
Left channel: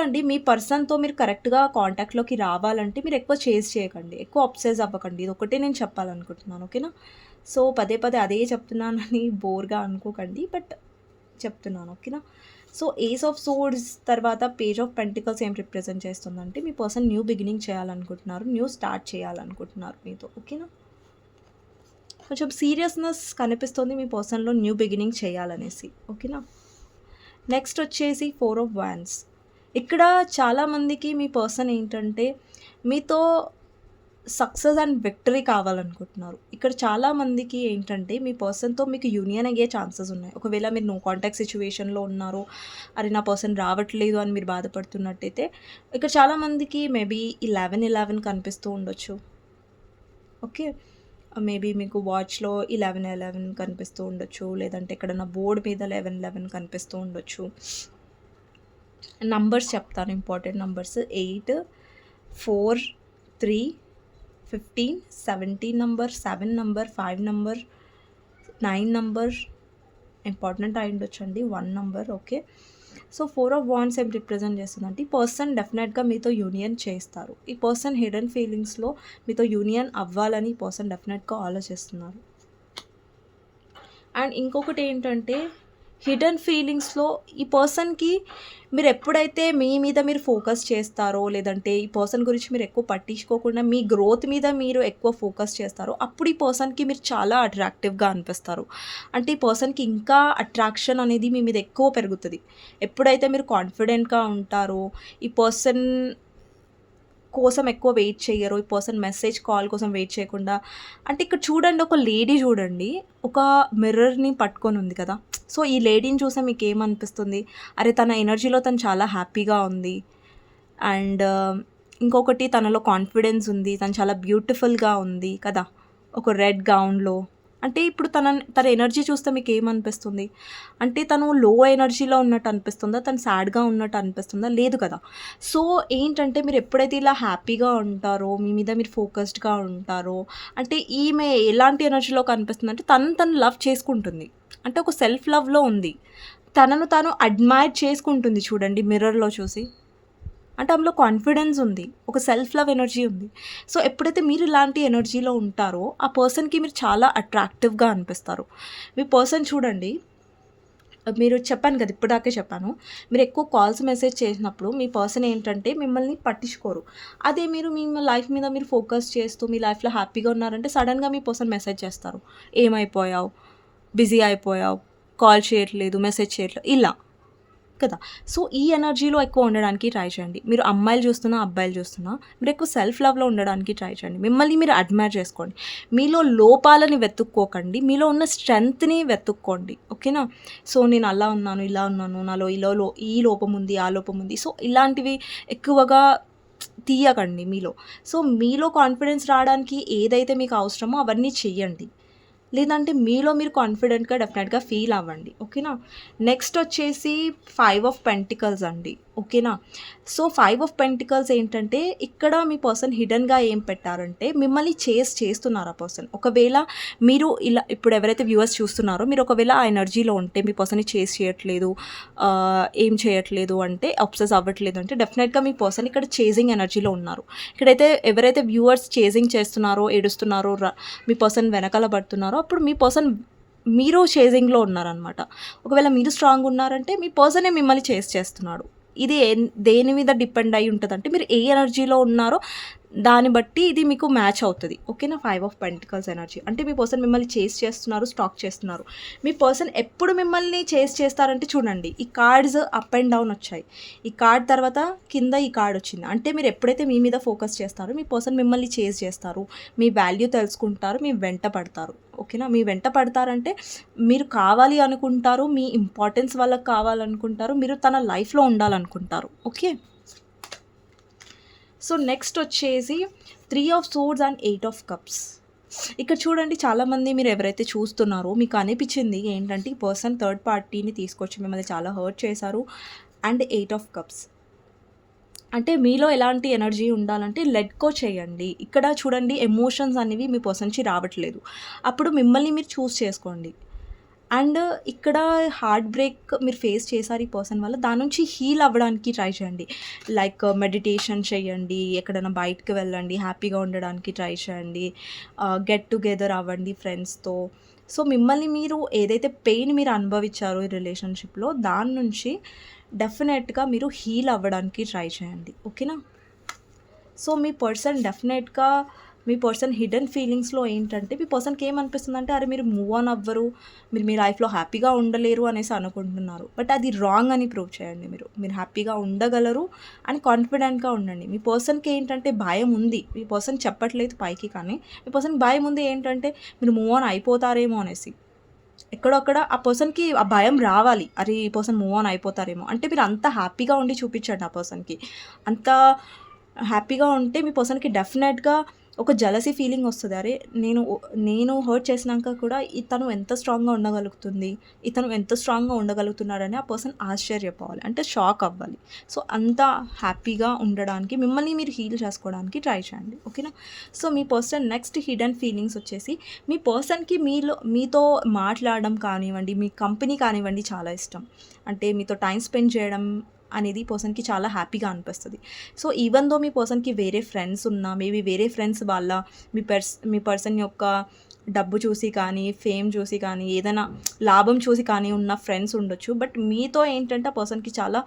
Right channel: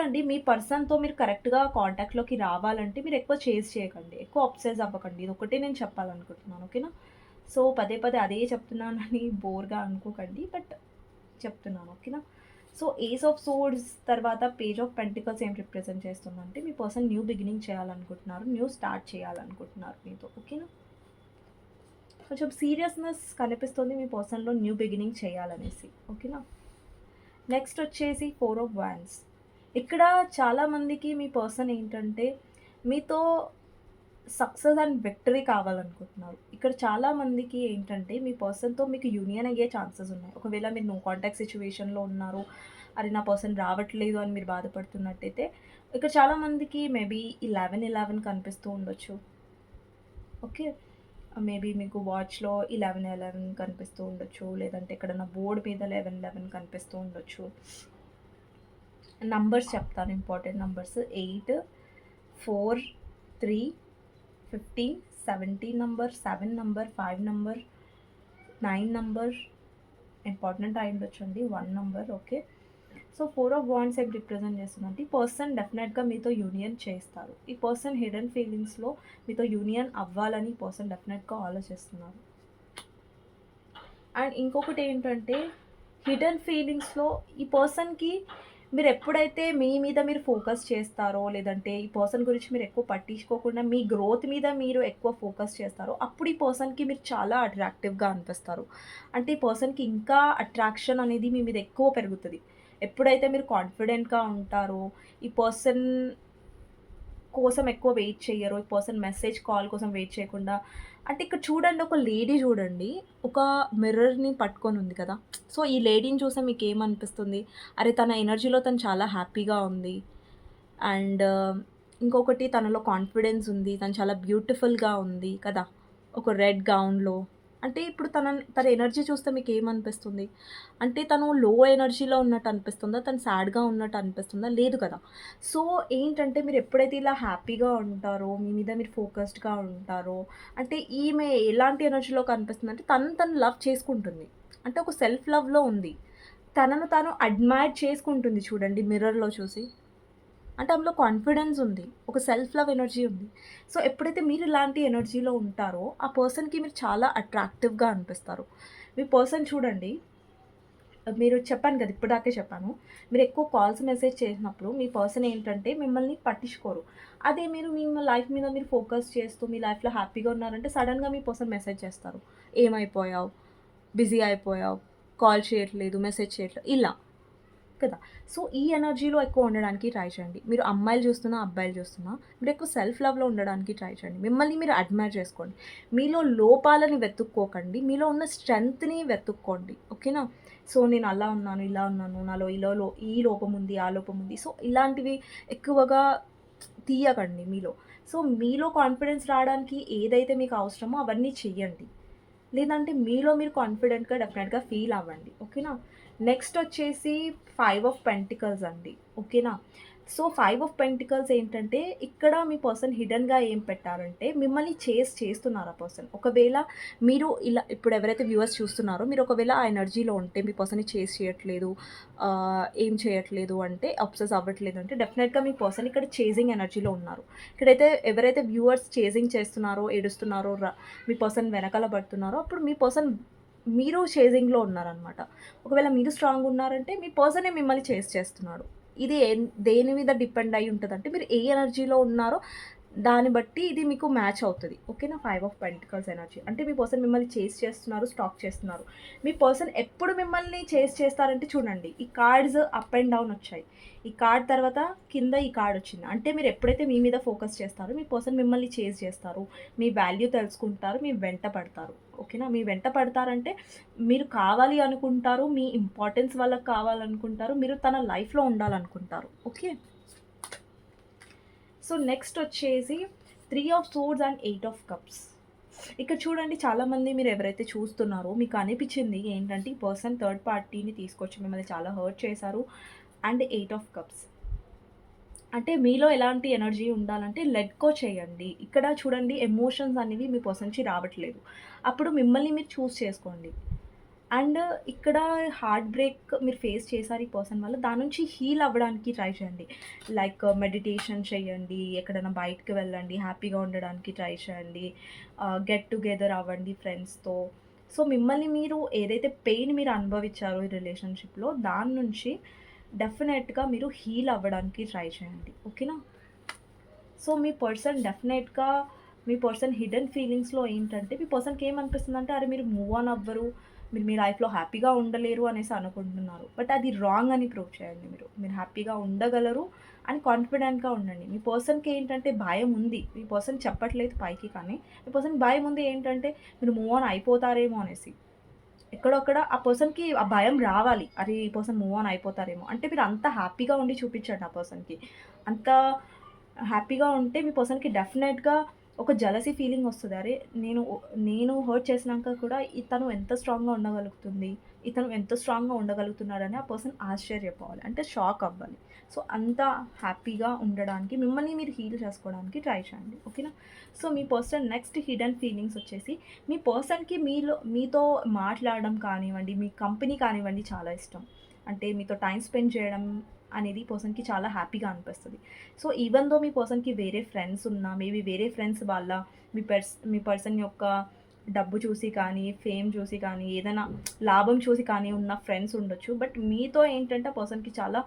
అండి మీ పర్సన్‌తో మీరు కరెక్ట్‌గా కాంటాక్ట్‌లోకి రావాలంటే మీరు ఎక్కువ చేజ్ చేయకండి. ఎక్కువ అబ్సెస్ అవ్వకండి. ఇదొక్కటే నేను చెప్పాలనుకుంటున్నాను. ఓకేనా? సో పదే పదే అదే చెప్తున్నానని బోర్‌గా అనుకోకండి. బట్ చెప్తున్నాను. ఓకేనా? సో ఏస్ ఆఫ్ సోర్డ్స్ తర్వాత పేజ్ ఆఫ్ పెంటికల్స్ ఏం రిప్రజెంట్ చేస్తుందంటే, మీ పర్సన్ న్యూ బిగినింగ్ చేయాలనుకుంటున్నారు. న్యూ స్టార్ట్ చేయాలనుకుంటున్నారు మీతో. ఓకేనా? కొంచెం సీరియస్‌నెస్ కనిపిస్తుంది మీ పర్సన్‌లో న్యూ బిగినింగ్ చేయాలనేసి. ఓకేనా? నెక్స్ట్ వచ్చేసి 4 ఆఫ్ వాండ్స్. ఇక్కడ చాలామందికి మీ పర్సన్ ఏంటంటే, మీతో సక్సెస్ అండ్ విక్టరీ కావాలనుకుంటున్నారు. ఇక్కడ చాలామందికి ఏంటంటే, మీ పర్సన్‌తో మీకు యూనియన్ అయ్యే ఛాన్సెస్ ఉన్నాయి. ఒకవేళ మీరు నో కాంటాక్ట్ సిట్యుయేషన్‌లో ఉన్నారు. అరే! నా పర్సన్ రావట్లేదు అని మీరు బాధపడుతున్నట్టయితే, ఇక్కడ చాలామందికి మేబీ 11, 11 కనిపిస్తూ ఉండొచ్చు. ఓకే. మేబీ మీకు వాచ్‌లో 11, 11 కనిపిస్తూ ఉండొచ్చు. లేదంటే ఎక్కడన్నా బోర్డ్ మీద 11, 11 కనిపిస్తూ ఉండొచ్చు. నంబర్స్ చెప్తాను important numbers 8, 4, 3, 15, 17 number, 7 number, 5 number, 9 number important అయి ఉండొచ్చండి. 1 number. Okay. So 4 of wands ఏం రిప్రజెంట్ చేస్తుందంటే, ఈ పర్సన్ డెఫినెట్‌గా మీతో యూనియన్ చేస్తారు. ఈ పర్సన్ హిడెన్ ఫీలింగ్స్‌లో మీతో యూనియన్ అవ్వాలని ఈ పర్సన్ డెఫినెట్‌గా ఆలోచిస్తున్నారు. అండ్ ఇంకొకటి ఏంటంటే, హిడెన్ ఫీలింగ్స్‌లో ఈ పర్సన్‌కి మీరు ఎప్పుడైతే మీ మీద మీరు ఫోకస్ చేస్తారో, లేదంటే ఈ పర్సన్ గురించి మీరు ఎక్కువ పట్టించుకోకుండా మీ గ్రోత్ మీద మీరు ఎక్కువ ఫోకస్ చేస్తారో, అప్పుడు ఈ పర్సన్‌కి మీరు చాలా అట్రాక్టివ్‌గా అనిపిస్తారు. అంటే ఈ పర్సన్‌కి ఇంకా అట్రాక్షన్ అనేది మీ మీద ఎక్కువ పెరుగుతది. ఎప్పుడైతే మీరు కాన్ఫిడెంట్‌గా ఉంటారో, ఈ పర్సన్ కోసం ఎక్కువ వెయిట్ చెయ్యరు. ఈ పర్సన్ మెసేజ్, కాల్ కోసం వెయిట్ చేయకుండా అంటే ఇక్కడ చూడండి, ఒక లేడీ చూడండి. ఒక మిర్రర్‌ని పట్టుకొనుంది కదా! సో, ఈ లేడీని చూస్తే మీకేమనిపిస్తుంది? అరే! తన ఎనర్జీలో తను చాలా హ్యాపీగా ఉంది. అండ్ ఇంకొకటి తనలో కాన్ఫిడెన్స్ ఉంది. తను చాలా బ్యూటిఫుల్‌గా ఉంది కదా! ఒక రెడ్ గౌన్‌లో. అంటే ఇప్పుడు తన ఎనర్జీ చూస్తే మీకేమనిపిస్తుంది? అంటే తను లో ఎనర్జీలో ఉన్నట్టు అనిపిస్తుందా? తను సాడ్‌గా ఉన్నట్టు అనిపిస్తుందా? లేదు కదా! సో, ఏంటంటే మీరు ఎప్పుడైతే ఇలా హ్యాపీగా ఉంటారో, మీ మీద మీరు ఫోకస్డ్‌గా ఉంటారో, అంటే ఈమె ఎలాంటి ఎనర్జీలో కనిపిస్తుందంటే తను లవ్ చేసుకుంటుంది. అంటే ఒక సెల్ఫ్ లవ్‌లో ఉంది. తనను తాను అడ్మైర్ చేసుకుంటుంది చూడండి మిర్రర్‌లో చూసి. అంటే ఆమెలో కాన్ఫిడెన్స్ ఉంది. ఒక సెల్ఫ్ లవ్ ఎనర్జీ ఉంది. సో, ఎప్పుడైతే మీరు ఇలాంటి ఎనర్జీలో ఉంటారో, ఆ పర్సన్‌కి మీరు చాలా అట్రాక్టివ్‌గా అనిపిస్తారు. మీ పర్సన్ చూడండి, మీరు చెప్పాను కదా! ఇప్పటిదాకే చెప్పాను. మీరు ఎక్కువ కాల్స్, మెసేజ్ చేసినప్పుడు మీ పర్సన్ ఏంటంటే మిమ్మల్ని పట్టించుకోరు. అదే మీరు మీ లైఫ్ మీద మీరు ఫోకస్ చేస్తూ మీ లైఫ్‌లో హ్యాపీగా ఉన్నారంటే సడెన్‌గా మీ పర్సన్ మెసేజ్ చేస్తారు. ఏమైపోయావు? బిజీ అయిపోయావు. కాల్ చేయట్లేదు, మెసేజ్ చేయట్లేదు ఇలా. కదా! సో, ఈ ఎనర్జీలో ఎక్కువ ఉండడానికి ట్రై చేయండి. మీరు అమ్మాయిలు చూస్తున్నా, అబ్బాయిలు చూస్తున్నా మీరు ఎక్కువ సెల్ఫ్ లవ్‌లో ఉండడానికి ట్రై చేయండి. మిమ్మల్ని మీరు అడ్మైర్ చేసుకోండి. మీలో లోపాలని వెతుక్కోకండి. మీలో ఉన్న స్ట్రెంగ్త్‌ని వెతుక్కోండి. ఓకేనా? సో, నేను అలా ఉన్నాను, ఇలా ఉన్నాను, నాలో ఈ లోపం ఉంది, ఆ లోపం ఉంది. సో, ఇలాంటివి ఎక్కువగా తీయకండి మీలో. సో, మీలో కాన్ఫిడెన్స్ రావడానికి ఏదైతే మీకు అవసరమో అవన్నీ చెయ్యండి. లేదంటే మీలో మీరు కాన్ఫిడెంట్‌గా డెఫినెట్‌గా ఫీల్ అవ్వండి. ఓకేనా? నెక్స్ట్ వచ్చేసి 5 ఆఫ్ పెంటికల్స్ అండి. ఓకేనా? సో, 5 ఆఫ్ పెంటికల్స్ ఏంటంటే, ఇక్కడ మీ పర్సన్ హిడెన్‌గా ఏం పెట్టారంటే, మిమ్మల్ని చేస్తున్నారు ఆ పర్సన్. ఒకవేళ మీరు ఇలా ఇప్పుడు ఎవరైతే వ్యూవర్స్ చూస్తున్నారో, మీరు ఒకవేళ ఆ ఎనర్జీలో ఉంటే, మీ పర్సన్‌ని చేజ్ చేయట్లేదు, ఏం చేయట్లేదు అంటే, అబ్సెస్ అవ్వట్లేదు అంటే, డెఫినెట్‌గా మీ పర్సన్ ఇక్కడ చేజింగ్ ఎనర్జీలో ఉన్నారు. ఇక్కడైతే ఎవరైతే వ్యూవర్స్ చేజింగ్ చేస్తున్నారో, ఏడుస్తున్నారో, మీ పర్సన్ వెనకాల పడుతున్నారో, అప్పుడు మీ పర్సన్ మీరు చేజింగ్‌లో ఉన్నారనమాట. ఒకవేళ మీరు స్ట్రాంగ్ ఉన్నారంటే, మీ పర్సనే మిమ్మల్ని చేజ్ చేస్తున్నాడు. ఇది దేని మీద డిపెండ్ అయ్యి ఉంటదంటే, మీరు ఏ ఎనర్జీలో ఉన్నారో దాన్ని బట్టి ఇది మీకు మ్యాచ్ అవుతది. ఓకేనా? 5 ఆఫ్ పెంటికల్స్ ఎనర్జీ. అంటే మీ పర్సన్ మిమ్మల్ని చేజ్ చేస్తున్నారు, స్టాక్ చేస్తున్నారు. మీ పర్సన్ ఎప్పుడు మిమ్మల్ని చేజ్ చేస్తారంటే చూడండి, ఈ కార్డ్స్ అప్ అండ్ డౌన్ వచ్చాయి. ఈ కార్డ్ తర్వాత కింద ఈ కార్డ్ వచ్చింది. అంటే మీరు ఎప్పుడైతే మీ మీద ఫోకస్ చేస్తారో, మీ పర్సన్ మిమ్మల్ని చేజ్ చేస్తారు. మీ వాల్యూ తెలుసుకుంటారు, మీ వెంట పడతారు. ఓకేనా? మీ వెంట పడతారంటే మీరు కావాలి అనుకుంటారు, మీ ఇంపార్టెన్స్ వాళ్ళకి కావాలనుకుంటారు, మీరు తన లైఫ్‌లో ఉండాలనుకుంటారు. ఓకే. సో, నెక్స్ట్ వచ్చేసి 3 of swords and 8 of cups. ఇక్కడ చూడండి, చాలామంది మీరు ఎవరైతే చూస్తున్నారో మీకు అనిపించింది ఏంటంటే, ఈ పర్సన్ థర్డ్ పార్టీని తీసుకొచ్చి మిమ్మల్ని చాలా హర్ట్ చేశారు. అండ్ 8 ఆఫ్ కప్స్ అంటే మీలో ఎలాంటి ఎనర్జీ ఉండాలంటే లెట్ గో చేయండి. ఇక్కడ చూడండి, ఎమోషన్స్ అనేవి మీ పర్సన్‌కి రావట్లేదు. అప్పుడు మిమ్మల్ని మీరు చూజ్ చేసుకోండి. అండ్ ఇక్కడ హార్ట్ బ్రేక్ మీరు ఫేస్ చేశారు ఈ పర్సన్ వల్ల. దాని నుంచి హీల్ అవ్వడానికి ట్రై చేయండి. లైక్ మెడిటేషన్ చేయండి, ఎక్కడైనా బయటకి వెళ్ళండి, హ్యాపీగా ఉండడానికి ట్రై చేయండి, గెట్ టుగెదర్ అవ్వండి ఫ్రెండ్స్‌తో. సో, మిమ్మల్ని మీరు ఏదైతే పెయిన్ మీరు అనుభవించారో ఈ రిలేషన్‌షిప్‌లో, దాని నుంచి డెఫినెట్‌గా మీరు హీల్ అవ్వడానికి ట్రై చేయండి. ఓకేనా? సో, మీ పర్సన్ హిడెన్ ఫీలింగ్స్‌లో ఏంటంటే, మీ పర్సన్‌కి ఏమనిపిస్తుందంటే, అరే మీరు మూవ్ ఆన్ అవ్వరు, మీరు మీ లైఫ్‌లో హ్యాపీగా ఉండలేరు అనేసి అనుకుంటున్నారు. బట్ అది రాంగ్ అని ప్రూవ్ చేయండి మీరు. మీరు హ్యాపీగా ఉండగలరు అని కాన్ఫిడెంట్‌గా ఉండండి. మీ పర్సన్‌కి ఏంటంటే భయం ఉంది. మీ పర్సన్ చెప్పట్లేదు పైకి, కానీ మీ పర్సన్‌కి భయం ఉంది ఏంటంటే, మీరు మూవ్ ఆన్ అయిపోతారేమో అనేసి. ఎక్కడొక్కడ ఆ పర్సన్‌కి ఆ భయం రావాలి. అరే! ఈ పర్సన్ మూవ్ ఆన్ అయిపోతారేమో. అంటే మీరు అంత హ్యాపీగా ఉండి చూపించండి ఆ పర్సన్‌కి. అంత హ్యాపీగా ఉంటే మీ పర్సన్‌కి డెఫినెట్‌గా ఒక జెలసీ ఫీలింగ్ వస్తది. అరే! నేను హర్ట్ చేసినాక కూడా ఇతను ఎంత స్ట్రాంగ్‌గా ఉండగలుగుతుంది, ఇతను ఎంత స్ట్రాంగ్‌గా ఉండగలుగుతున్నాడని ఆ పర్సన్ ఆశ్చర్యపోవాలి. అంటే షాక్ అవ్వాలి. సో, అంత హ్యాపీగా ఉండడానికి మిమ్మల్ని మీరు హీల్ చేసుకోవడానికి ట్రై చేయండి. ఓకేనా? సో, మీ పర్సన్ నెక్స్ట్ హిడెన్ ఫీలింగ్స్ వచ్చేసి, మీ పర్సన్‌కి మీతో మాట్లాడడం కానివ్వండి, మీ కంపెనీ కానివ్వండి చాలా ఇష్టం. అంటే మీతో టైమ్ స్పెండ్ చేయడం అనేది పర్సన్‌కి చాలా హ్యాపీగా అనిపిస్తది. సో, ఈవెన్ దో మీ పర్సన్‌కి వేరే ఫ్రెండ్స్ ఉన్నా, మేబీ వేరే ఫ్రెండ్స్ వాళ్ళ మీ పర్సన్ యొక్క డబ్బు చూసి కానీ, ఫేమ్ చూసి కానీ, ఏదైనా లాభం చూసి కానీ ఉన్న ఫ్రెండ్స్ ఉండొచ్చు. బట్ మీతో ఏంటంటే ఆ పర్సన్‌కి చాలా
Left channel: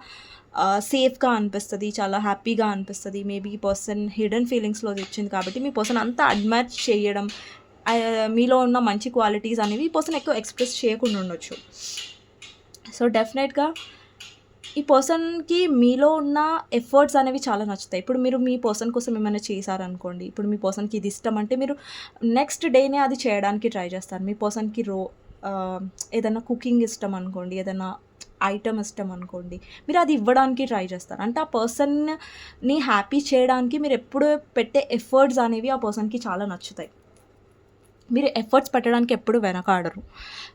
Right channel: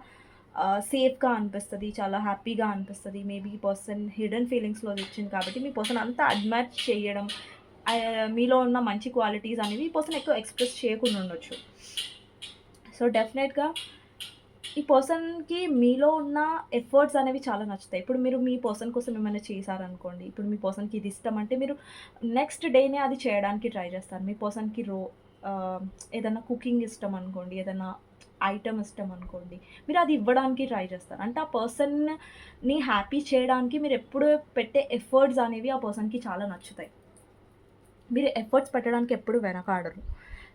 సేఫ్‌గా అనిపిస్తది. చాలా హ్యాపీగా అనిపిస్తది. మేబీ ఈ పర్సన్ హిడెన్ ఫీలింగ్స్‌లో వచ్చింది కాబట్టి మీ పర్సన్ అంతా అడ్మైర్ చేయడం, మీలో ఉన్న మంచి క్వాలిటీస్ అనేవి ఈ పర్సన్ ఎక్కువ ఎక్స్‌ప్రెస్ చేయకుండా ఉండొచ్చు. సో, డెఫినెట్‌గా ఈ పర్సన్‌కి మీలో ఉన్న ఎఫర్ట్స్ అనేవి చాలా నచ్చుతాయి. ఇప్పుడు మీరు మీ పర్సన్ కోసం ఏమైనా చేశారనుకోండి, ఇప్పుడు మీ పర్సన్‌కి ఇది ఇష్టం అంటే మీరు నెక్స్ట్ డేనే అది చేయడానికి ట్రై చేస్తారు. మీ పర్సన్‌కి ఆహ్, ఏదన్నా కుకింగ్ ఇష్టం అనుకోండి, ఏదన్నా ఐటెమ్ ఇష్టం అనుకోండి, మీరు అది ఇవ్వడానికి ట్రై చేస్తారు. అంటే ఆ పర్సన్‌ని హ్యాపీ చేయడానికి మీరు ఎప్పుడు పెట్టే ఎఫర్ట్స్ అనేవి ఆ పర్సన్‌కి చాలా నచ్చుతాయి. మీరు ఎఫర్ట్స్ పెట్టడానికి ఎప్పుడు వెనకాడరు.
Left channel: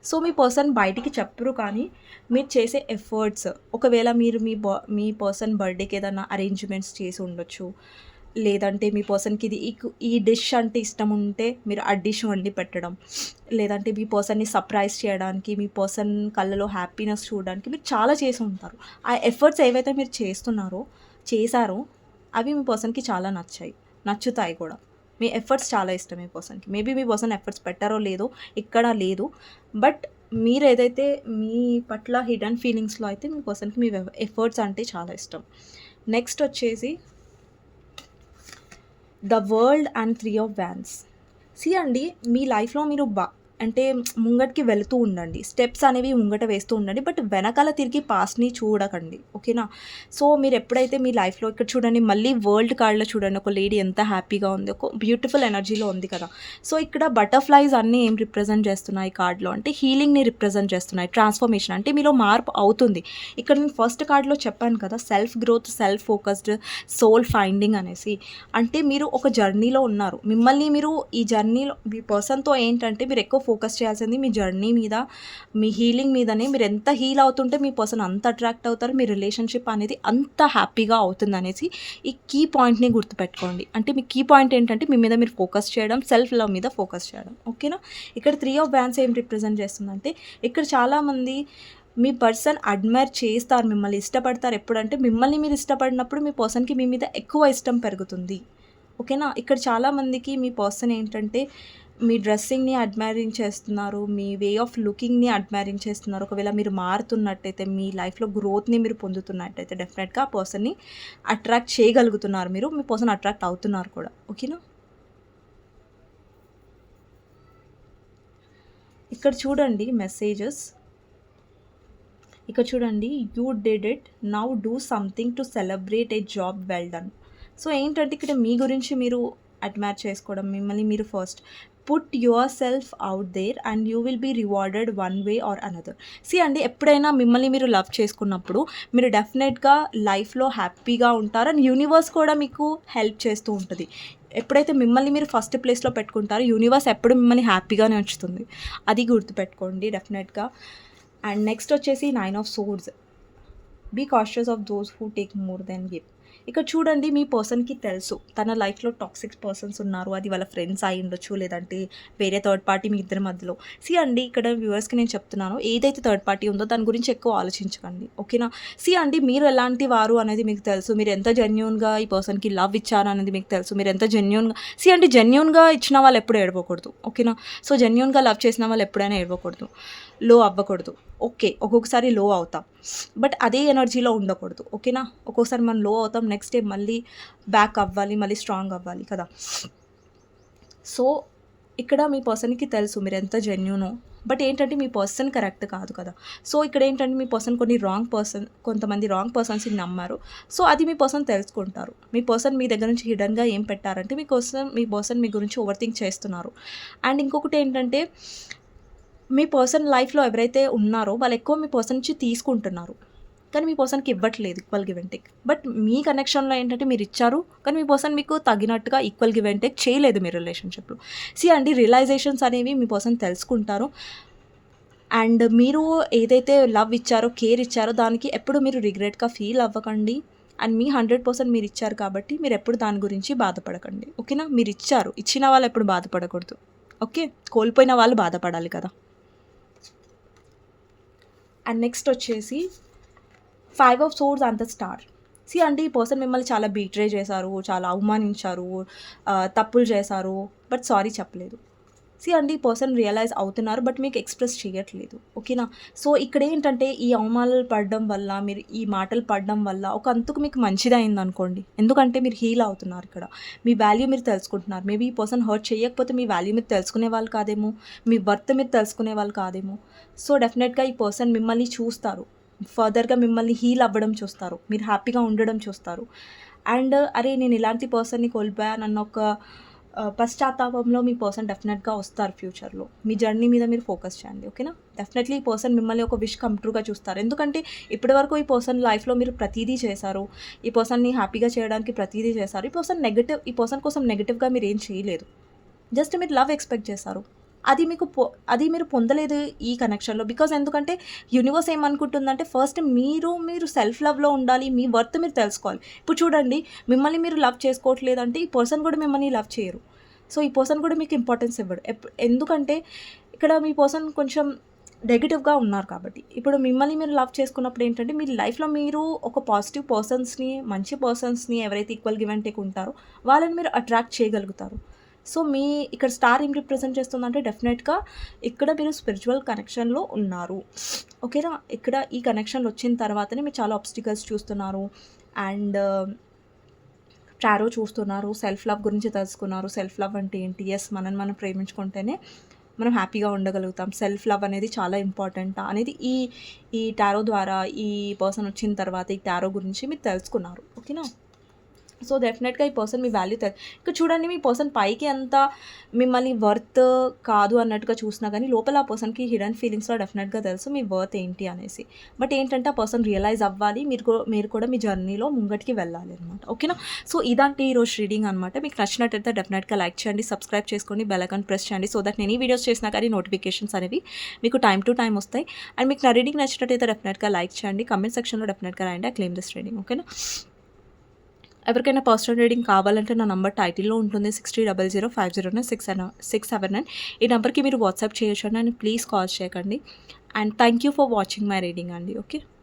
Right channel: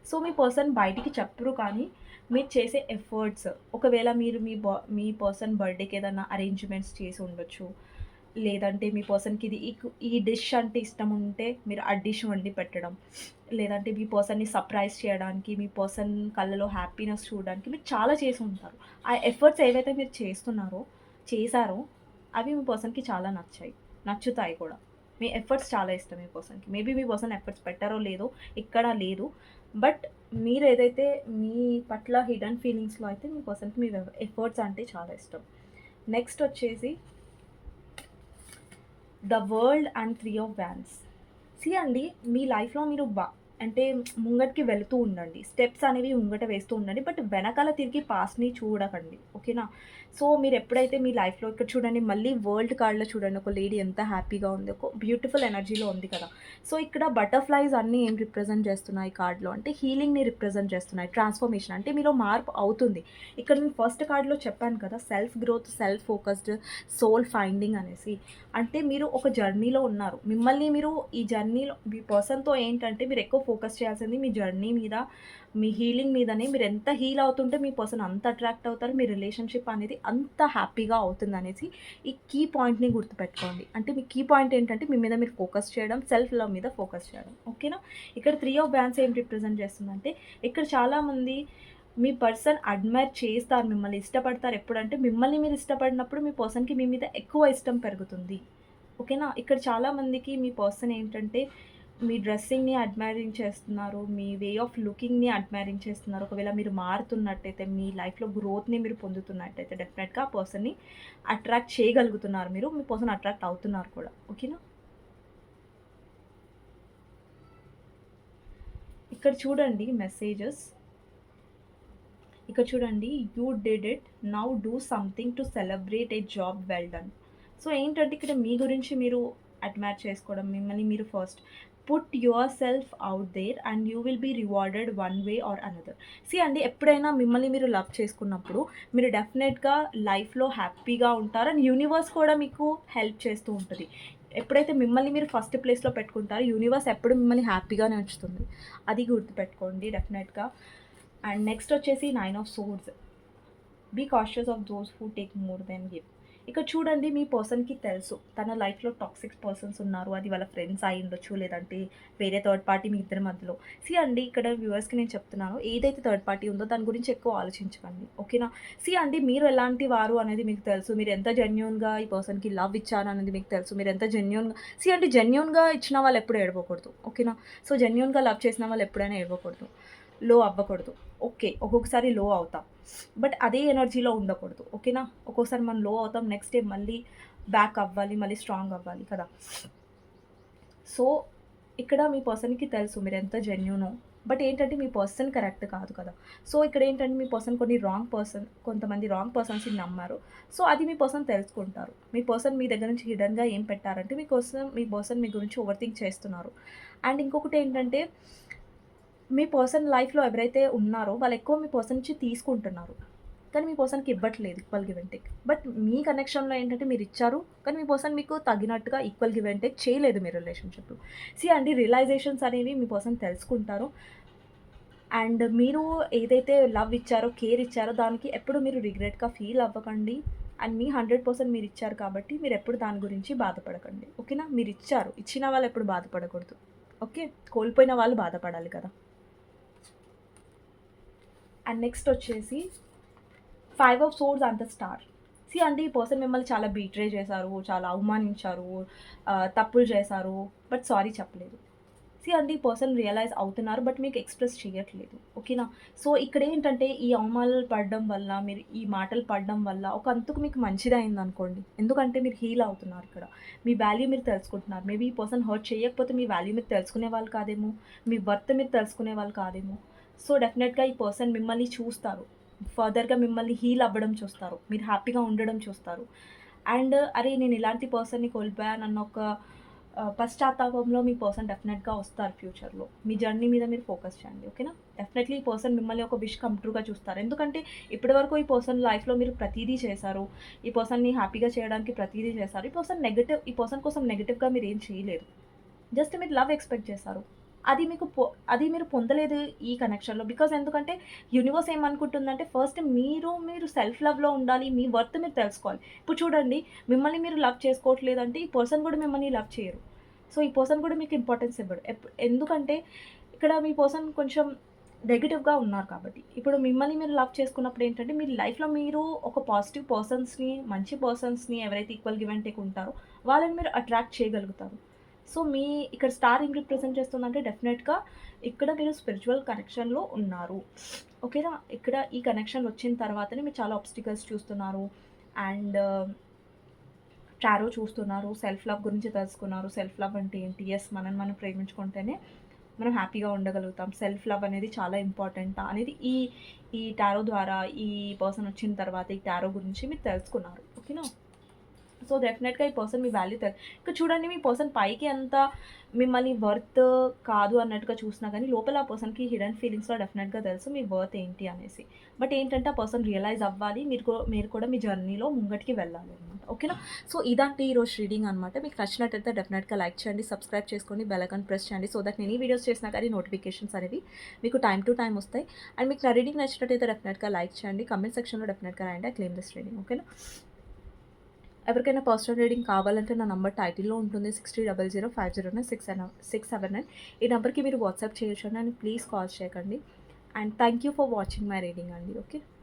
సో, మీ పర్సన్ బయటికి చెప్పరు, కానీ మీరు చేసే ఎఫర్ట్స్, ఒకవేళ మీరు మీ పర్సన్ బర్త్‌డేకి ఏదైనా అరేంజ్‌మెంట్స్ చేసి ఉండొచ్చు. లేదంటే మీ పర్సన్‌కి ఈ డిష్ అంటే ఇష్టం ఉంటే మీరు ఆ డిష్ వండి పెట్టడం. లేదంటే మీ పర్సన్‌ని సర్ప్రైజ్ చేయడానికి, మీ పర్సన్ కళ్ళలో హ్యాపీనెస్ చూడడానికి మీరు చాలా చేసి ఉంటారు. ఆ ఎఫర్ట్స్ ఏవైతే మీరు చేశారో అవి మీ పర్సన్‌కి చాలా నచ్చుతాయి కూడా. మీ ఎఫర్ట్స్ చాలా ఇష్టం మీ పర్సన్‌కి. మేబీ మీ పర్సన్ ఎఫర్ట్స్ పెట్టారో లేదో ఇక్కడ లేదు. బట్ మీరేదైతే మీ పట్ల హిడెన్ ఫీలింగ్స్‌లో అయితే మీ పర్సన్‌కి మీ ఎఫర్ట్స్ అంటే చాలా ఇష్టం. నెక్స్ట్ వచ్చేసి the world and 3 of wands. అండి, మీ లైఫ్‌లో మీరు అంటే ముంగటికి వెళుతూ ఉండండి. స్టెప్స్ అనేవి ముంగట వేస్తూ ఉండండి. బట్ వెనకాల తిరిగి పాస్ట్‌ని చూడకండి. ఓకేనా? సో, మీరెప్పుడైతే మీ లైఫ్‌లో ఇక్కడ చూడండి, మళ్ళీ వరల్డ్ కార్డ్‌లో చూడండి, ఒక లేడీ ఎంత హ్యాపీగా ఉంది. ఒక బ్యూటిఫుల్ ఎనర్జీలో ఉంది కదా! సో, ఇక్కడ బటర్‌ఫ్లైస్ అన్నీ ఏం రిప్రజెంట్ చేస్తున్నాయి కార్డ్‌లో అంటే హీలింగ్‌ని రిప్రజెంట్ చేస్తున్నాయి. ట్రాన్స్‌ఫర్మేషన్ అంటే మీలో మార్పు అవుతుంది. ఇక్కడ నేను ఫస్ట్ కార్డ్‌లో చెప్పాను కదా! Self growth, self focused, soul finding అనేసి. అంటే మీరు ఒక జర్నీలో ఉన్నారు. మిమ్మల్ని మీరు ఈ జర్నీలో మీ పర్సన్‌తో ఏంటంటే మీరు ఎక్కువ ఫోకస్ చేయాల్సింది మీ జర్నీ మీద, మీ హీలింగ్ మీదనే. మీరు ఎంత హీల్ అవుతుంటే మీ పర్సన్ అంత అట్రాక్ట్ అవుతారు. మీ రిలేషన్‌షిప్ అనేది అంత హ్యాపీగా అవుతుందనేసి ఈ కీ పాయింట్‌ని గుర్తుపెట్టుకోండి. అంటే మీ కీ పాయింట్ ఏంటంటే మీ మీద మీరు ఫోకస్ చేయడం, సెల్ఫ్ లవ్ మీద ఫోకస్ చేయడం. ఓకేనా? ఇక్కడ 3 ఆఫ్ వ్యాన్స్ ఏం రిప్రజెంట్ చేస్తుందంటే ఇక్కడ చాలామంది మీ పర్సన్ అడ్మైర్ చేస్తారు, మిమ్మల్ని ఇష్టపడతారు. ఎప్పుడంటే మిమ్మల్ని మీరు ఇష్టపడినప్పుడు మీ పర్సన్‌కి మీ మీద ఎక్కువ ఇష్టం పెరుగుతుంది. ఓకేనా? ఇక్కడ చాలామందికి మీ పర్సన్ ఏంటంటే మీ డ్రెస్సింగ్‌ని అడ్మైరింగ్ చేస్తున్నారు. మీ వే ఆఫ్ లుకింగ్‌ని అడ్మైరింగ్ చేస్తున్నారు. ఒకవేళ మీరు మారుతున్నట్టయితే, మీ లైఫ్‌లో గ్రోత్‌ని మీరు పొందుతున్నట్టయితే డెఫినెట్‌గా ఆ పర్సన్‌ని అట్రాక్ట్ చేయగలుగుతున్నారు మీరు. మీ పర్సన్ అట్రాక్ట్ అవుతున్నారు కూడా. ఓకేనా? ఇక్కడ చూడండి మెసేజెస్. ఇక్కడ చూడండి, you did it, now do something to celebrate a job well done. So ఏంటంటే ఇక్కడ మీ గురించి మీరు అడ్మైర్ చేసుకోవడం, మిమ్మల్ని మీరు first put yourself out there and you will be rewarded one way or another. See అండి, ఎప్పుడైనా మిమ్మల్ని మీరు లవ్ చేసుకున్నప్పుడు మీరు డెఫినెట్గా లైఫ్లో హ్యాపీగా ఉంటారు అండ్ యూనివర్స్ కూడా మీకు హెల్ప్ చేస్తూ ఉంటుంది. ఎప్పుడైతే మిమ్మల్ని మీరు ఫస్ట్ ప్లేస్లో పెట్టుకుంటారో యూనివర్స్ ఎప్పుడు మిమ్మల్ని హ్యాపీగానే ఉంచుతుంది. అది గుర్తుపెట్టుకోండి డెఫినెట్గా. అండ్ నెక్స్ట్ వచ్చేసి 9 of swords. Be cautious of those who take more then give. ఇక్కడ చూడండి, మీ పర్సన్‌కి తెలుసు తన లైఫ్‌లో టాక్సిక్ పర్సన్స్ ఉన్నారు. అది వాళ్ళ ఫ్రెండ్స్ అయి ఉండొచ్చు, లేదంటే వేరే థర్డ్ పార్టీ మీ ఇద్దరి మధ్యలో. సీ అండి, ఇక్కడ వ్యూవర్స్‌కి నేను చెప్తున్నాను, ఏదైతే థర్డ్ పార్టీ ఉందో దాని గురించి ఎక్కువ ఆలోచించకండి. ఓకేనా? సీ అండి, మీరు ఎలాంటి వారు అనేది మీకు తెలుసు. మీరు ఎంత జెన్యూన్‌గా ఈ పర్సన్‌కి లవ్ ఇచ్చారు అనేది మీకు తెలుసు. మీరు ఎంత జెన్యూన్‌గా సీ అండి, జెన్యూన్‌గా ఇచ్చిన వాళ్ళు ఎప్పుడు ఏడవకూడదు. ఓకేనా? సో జెన్యూన్‌గా లవ్ చేసిన వాళ్ళు ఎప్పుడైనా ఏడవకూడదు, లో అవ్వకూడదు. ఓకే, ఒక్కొక్కసారి లో అవుతాం, బట్ అదే ఎనర్జీలో ఉండకూడదు. ఓకేనా? ఒక్కోసారి మనం లో అవుతాం, నెక్స్ట్ డే మళ్ళీ బ్యాక్ అవ్వాలి, మళ్ళీ స్ట్రాంగ్ అవ్వాలి కదా. సో ఇక్కడ మీ పర్సన్‌కి తెలుసు మీరు ఎంత జెన్యూనో, బట్ ఏంటంటే మీ పర్సన్ కరెక్ట్ కాదు కదా. సో ఇక్కడ ఏంటంటే మీ పర్సన్ కొంతమంది రాంగ్ పర్సన్స్‌ని నమ్మారు. సో అది మీ పర్సన్ తెలుసుకుంటారు. మీ పర్సన్ మీ దగ్గర నుంచి హిడెన్‌గా ఏం పెట్టారంటే మీ పర్సన్ మీ గురించి ఓవర్ థింక్ చేస్తున్నారు. అండ్ ఇంకొకటి ఏంటంటే మీ పర్సన్ లైఫ్‌లో ఎవరైతే ఉన్నారో వాళ్ళు ఎక్కువ మీ పర్సన్ నుంచి తీసుకుంటున్నారు, కానీ మీ పర్సన్‌కి ఇవ్వట్లేదు equal give and take. But మీ కనెక్షన్‌లో ఏంటంటే మీరిచ్చారు, కానీ మీ పర్సన్ మీకు తగినట్టుగా ఈక్వల్ గివ్ అండ్ టేక్ చేయలేదు మీ రిలేషన్‌షిప్‌లో. సీ అండి, రియలైజేషన్స్ అనేవి మీ పర్సన్ తెలుసుకుంటారు. అండ్ మీరు ఏదైతే లవ్ ఇచ్చారో, కేర్ ఇచ్చారో దానికి ఎప్పుడు మీరు రిగ్రెట్‌గా ఫీల్ అవ్వకండి. అండ్ మీ 100% మీరిచ్చారు కాబట్టి మీరెప్పుడు దాని గురించి బాధపడకండి. ఓకేనా? మీరిచ్చారు, ఇచ్చిన వాళ్ళు ఎప్పుడు బాధపడకూడదు. ఓకే? కోల్పోయిన వాళ్ళు బాధపడాలి కదా. అండ్ నెక్స్ట్ వచ్చేసి 5 of swords and the star. See అండి, ఈ పర్సన్ మిమ్మల్ని చాలా బీట్రే చేశారు, చాలా అవమానించారు, తప్పులు చేశారు, బట్ సారీ చెప్పలేదు. సీ అండి, ఈ పర్సన్ రియలైజ్ అవుతున్నారు, బట్ మీకు ఎక్స్‌ప్రెస్ చేయట్లేదు. ఓకేనా? సో ఇక్కడ ఏంటంటే ఈ అవమానాలు పడడం వల్ల, మీరు ఈ మాటలు పడడం వల్ల ఒక అంతుకు మీకు మంచిదే అయిందనుకోండి. ఎందుకంటే మీరు హీల్ అవుతున్నారు ఇక్కడ. మీ వాల్యూ మీరు తెలుసుకుంటున్నారు. మేబీ ఈ పర్సన్ హర్ట్ చేయకపోతే మీ వాల్యూ మీరు తెలుసుకునే వాళ్ళు కాదేమో, మీ వర్త్ మీరు తెలుసుకునే వాళ్ళు కాదేమో. సో డెఫినెట్‌గా ఈ పర్సన్ మిమ్మల్ని చూస్తారు. ఫర్దర్‌గా మిమ్మల్ని హీల్ అవ్వడం చూస్తారు. మీరు హ్యాపీగా ఉండడం చూస్తారు. అండ్ అరే, నేను ఇలాంటి పర్సన్‌ని కోల్పోయానన్న ఒక పశ్చాత్తాపంలో మీ పర్సన్ డెఫినెట్‌గా వస్తారు ఫ్యూచర్‌లో. మీ జర్నీ మీద మీరు ఫోకస్ చేయండి. ఓకేనా? డెఫినెట్‌లీ ఈ పర్సన్ మిమ్మల్ని ఒక విష్ కమ్ ట్రూగా చూస్తారు. ఎందుకంటే ఇప్పటివరకు ఈ పర్సన్ లైఫ్‌లో మీరు ప్రతీదీ చేశారు. ఈ పర్సన్‌ని హ్యాపీగా చేయడానికి ప్రతీదీ చేశారు. ఈ పర్సన్ కోసం నెగెటివ్‌గా మీరేం చేయలేదు. జస్ట్ మీరు లవ్ ఎక్స్‌పెక్ట్ చేశారు. అది మీరు పొందలేదు ఈ కనెక్షన్‌లో. బికాజ్ ఎందుకంటే యూనివర్స్ ఏమనుకుంటుందంటే ఫస్ట్ మీరు సెల్ఫ్ లవ్‌లో ఉండాలి. మీ వర్త్ మీరు తెలుసుకోవాలి. ఇప్పుడు చూడండి, మిమ్మల్ని మీరు లవ్ చేసుకోవట్లేదంటే ఈ పర్సన్ కూడా మిమ్మల్ని లవ్ చేయరు. సో ఈ పర్సన్ కూడా మీకు ఇంపార్టెన్స్ ఇవ్వడు. ఎందుకంటే ఇక్కడ మీ పర్సన్ కొంచెం నెగెటివ్‌గా ఉన్నారు కాబట్టి. ఇప్పుడు మిమ్మల్ని మీరు లవ్ చేసుకున్నప్పుడు ఏంటంటే మీ లైఫ్‌లో మీరు ఒక పాజిటివ్ పర్సన్స్‌ని, మంచి పర్సన్స్‌ని ఎవరైతే ఈక్వల్ గివ్ అండ్ టేక్ ఉంటారో వాళ్ళని మీరు అట్రాక్ట్ చేయగలుగుతారు. సో ఇక్కడ స్టార్ ఏం రిప్రజెంట్ చేస్తుందంటే డెఫినెట్‌గా ఇక్కడ మీరు స్పిరిచువల్ కనెక్షన్‌లో ఉన్నారు. ఓకేనా? ఇక్కడ ఈ కనెక్షన్‌లో వచ్చిన తర్వాతనే మీరు చాలా ఆబ్స్టికల్స్ చూస్తున్నారు. అండ్ టారో చూస్తున్నారు. సెల్ఫ్ లవ్ గురించి తెలుసుకున్నారు. సెల్ఫ్ లవ్ అంటే ఏంటి? యెస్, మనల్ని మనం ప్రేమించుకుంటేనే మనం హ్యాపీగా ఉండగలుగుతాం. సెల్ఫ్ లవ్ అనేది చాలా ఇంపార్టెంట్ అనేది ఈ టారో ద్వారా, ఈ పర్సన్ వచ్చిన తర్వాత ఈ టారో గురించి మీరు తెలుసుకున్నారు. ఓకేనా? సో డెఫినెట్‌గా ఈ పర్సన్ మీ వాల్యూ ఇక్కడ చూడండి, మీ పర్సన్ పైకి అంత మిమ్మల్ని వర్త్ కాదు అన్నట్టుగా చూసినా గానీ, లోపల ఆ పర్సన్‌కి హిడెన్ ఫీలింగ్స్‌లో డెఫినెట్‌గా తెలుసు మీ వర్త్ ఏంటి అనేసి. బట్ ఏంటంటే, ఆ పర్సన్ రియలైజ్ అవ్వాలి. మీరు కూడా మీ జర్నీలో ముంగటికి వెళ్ళాలి అనమాట. ఓకేనా? సో ఇదండి ఈరోజు రీడింగ్ అనమాట. మీకు నచ్చినట్టయితే డెఫినెట్‌గా లైక్ చేయండి, సబ్స్క్రైబ్ చేసుకోండి, బెల్ ఐకాన్ ప్రెస్ చేయండి. సో దట్ నేను ఈ వీడియోస్ చేసినా కానీ నోటిఫికేషన్స్ అనేవి మీకు టైమ్ టు టైమ్ వస్తాయి. అండ్ మీకు నా రీడింగ్ నచ్చినట్టయితే డెఫినెట్‌గా లైక్ చేయండి. కామెంట్ సెక్షన్‌లో డెఫినెట్‌గా రాయండి. I claim this reading. ఓకేనా? ఎవరికైనా పర్సనల్ రీడింగ్ కావాలంటే నా నంబర్ టైటిల్‌లో ఉంటుంది. 6000509679. ఈ నంబర్‌కి మీరు వాట్సాప్ చేయొచ్చు అండి. అండ్ ప్లీజ్ కాల్ చేయకండి. And thank you for watching my reading అండి. ఓకే.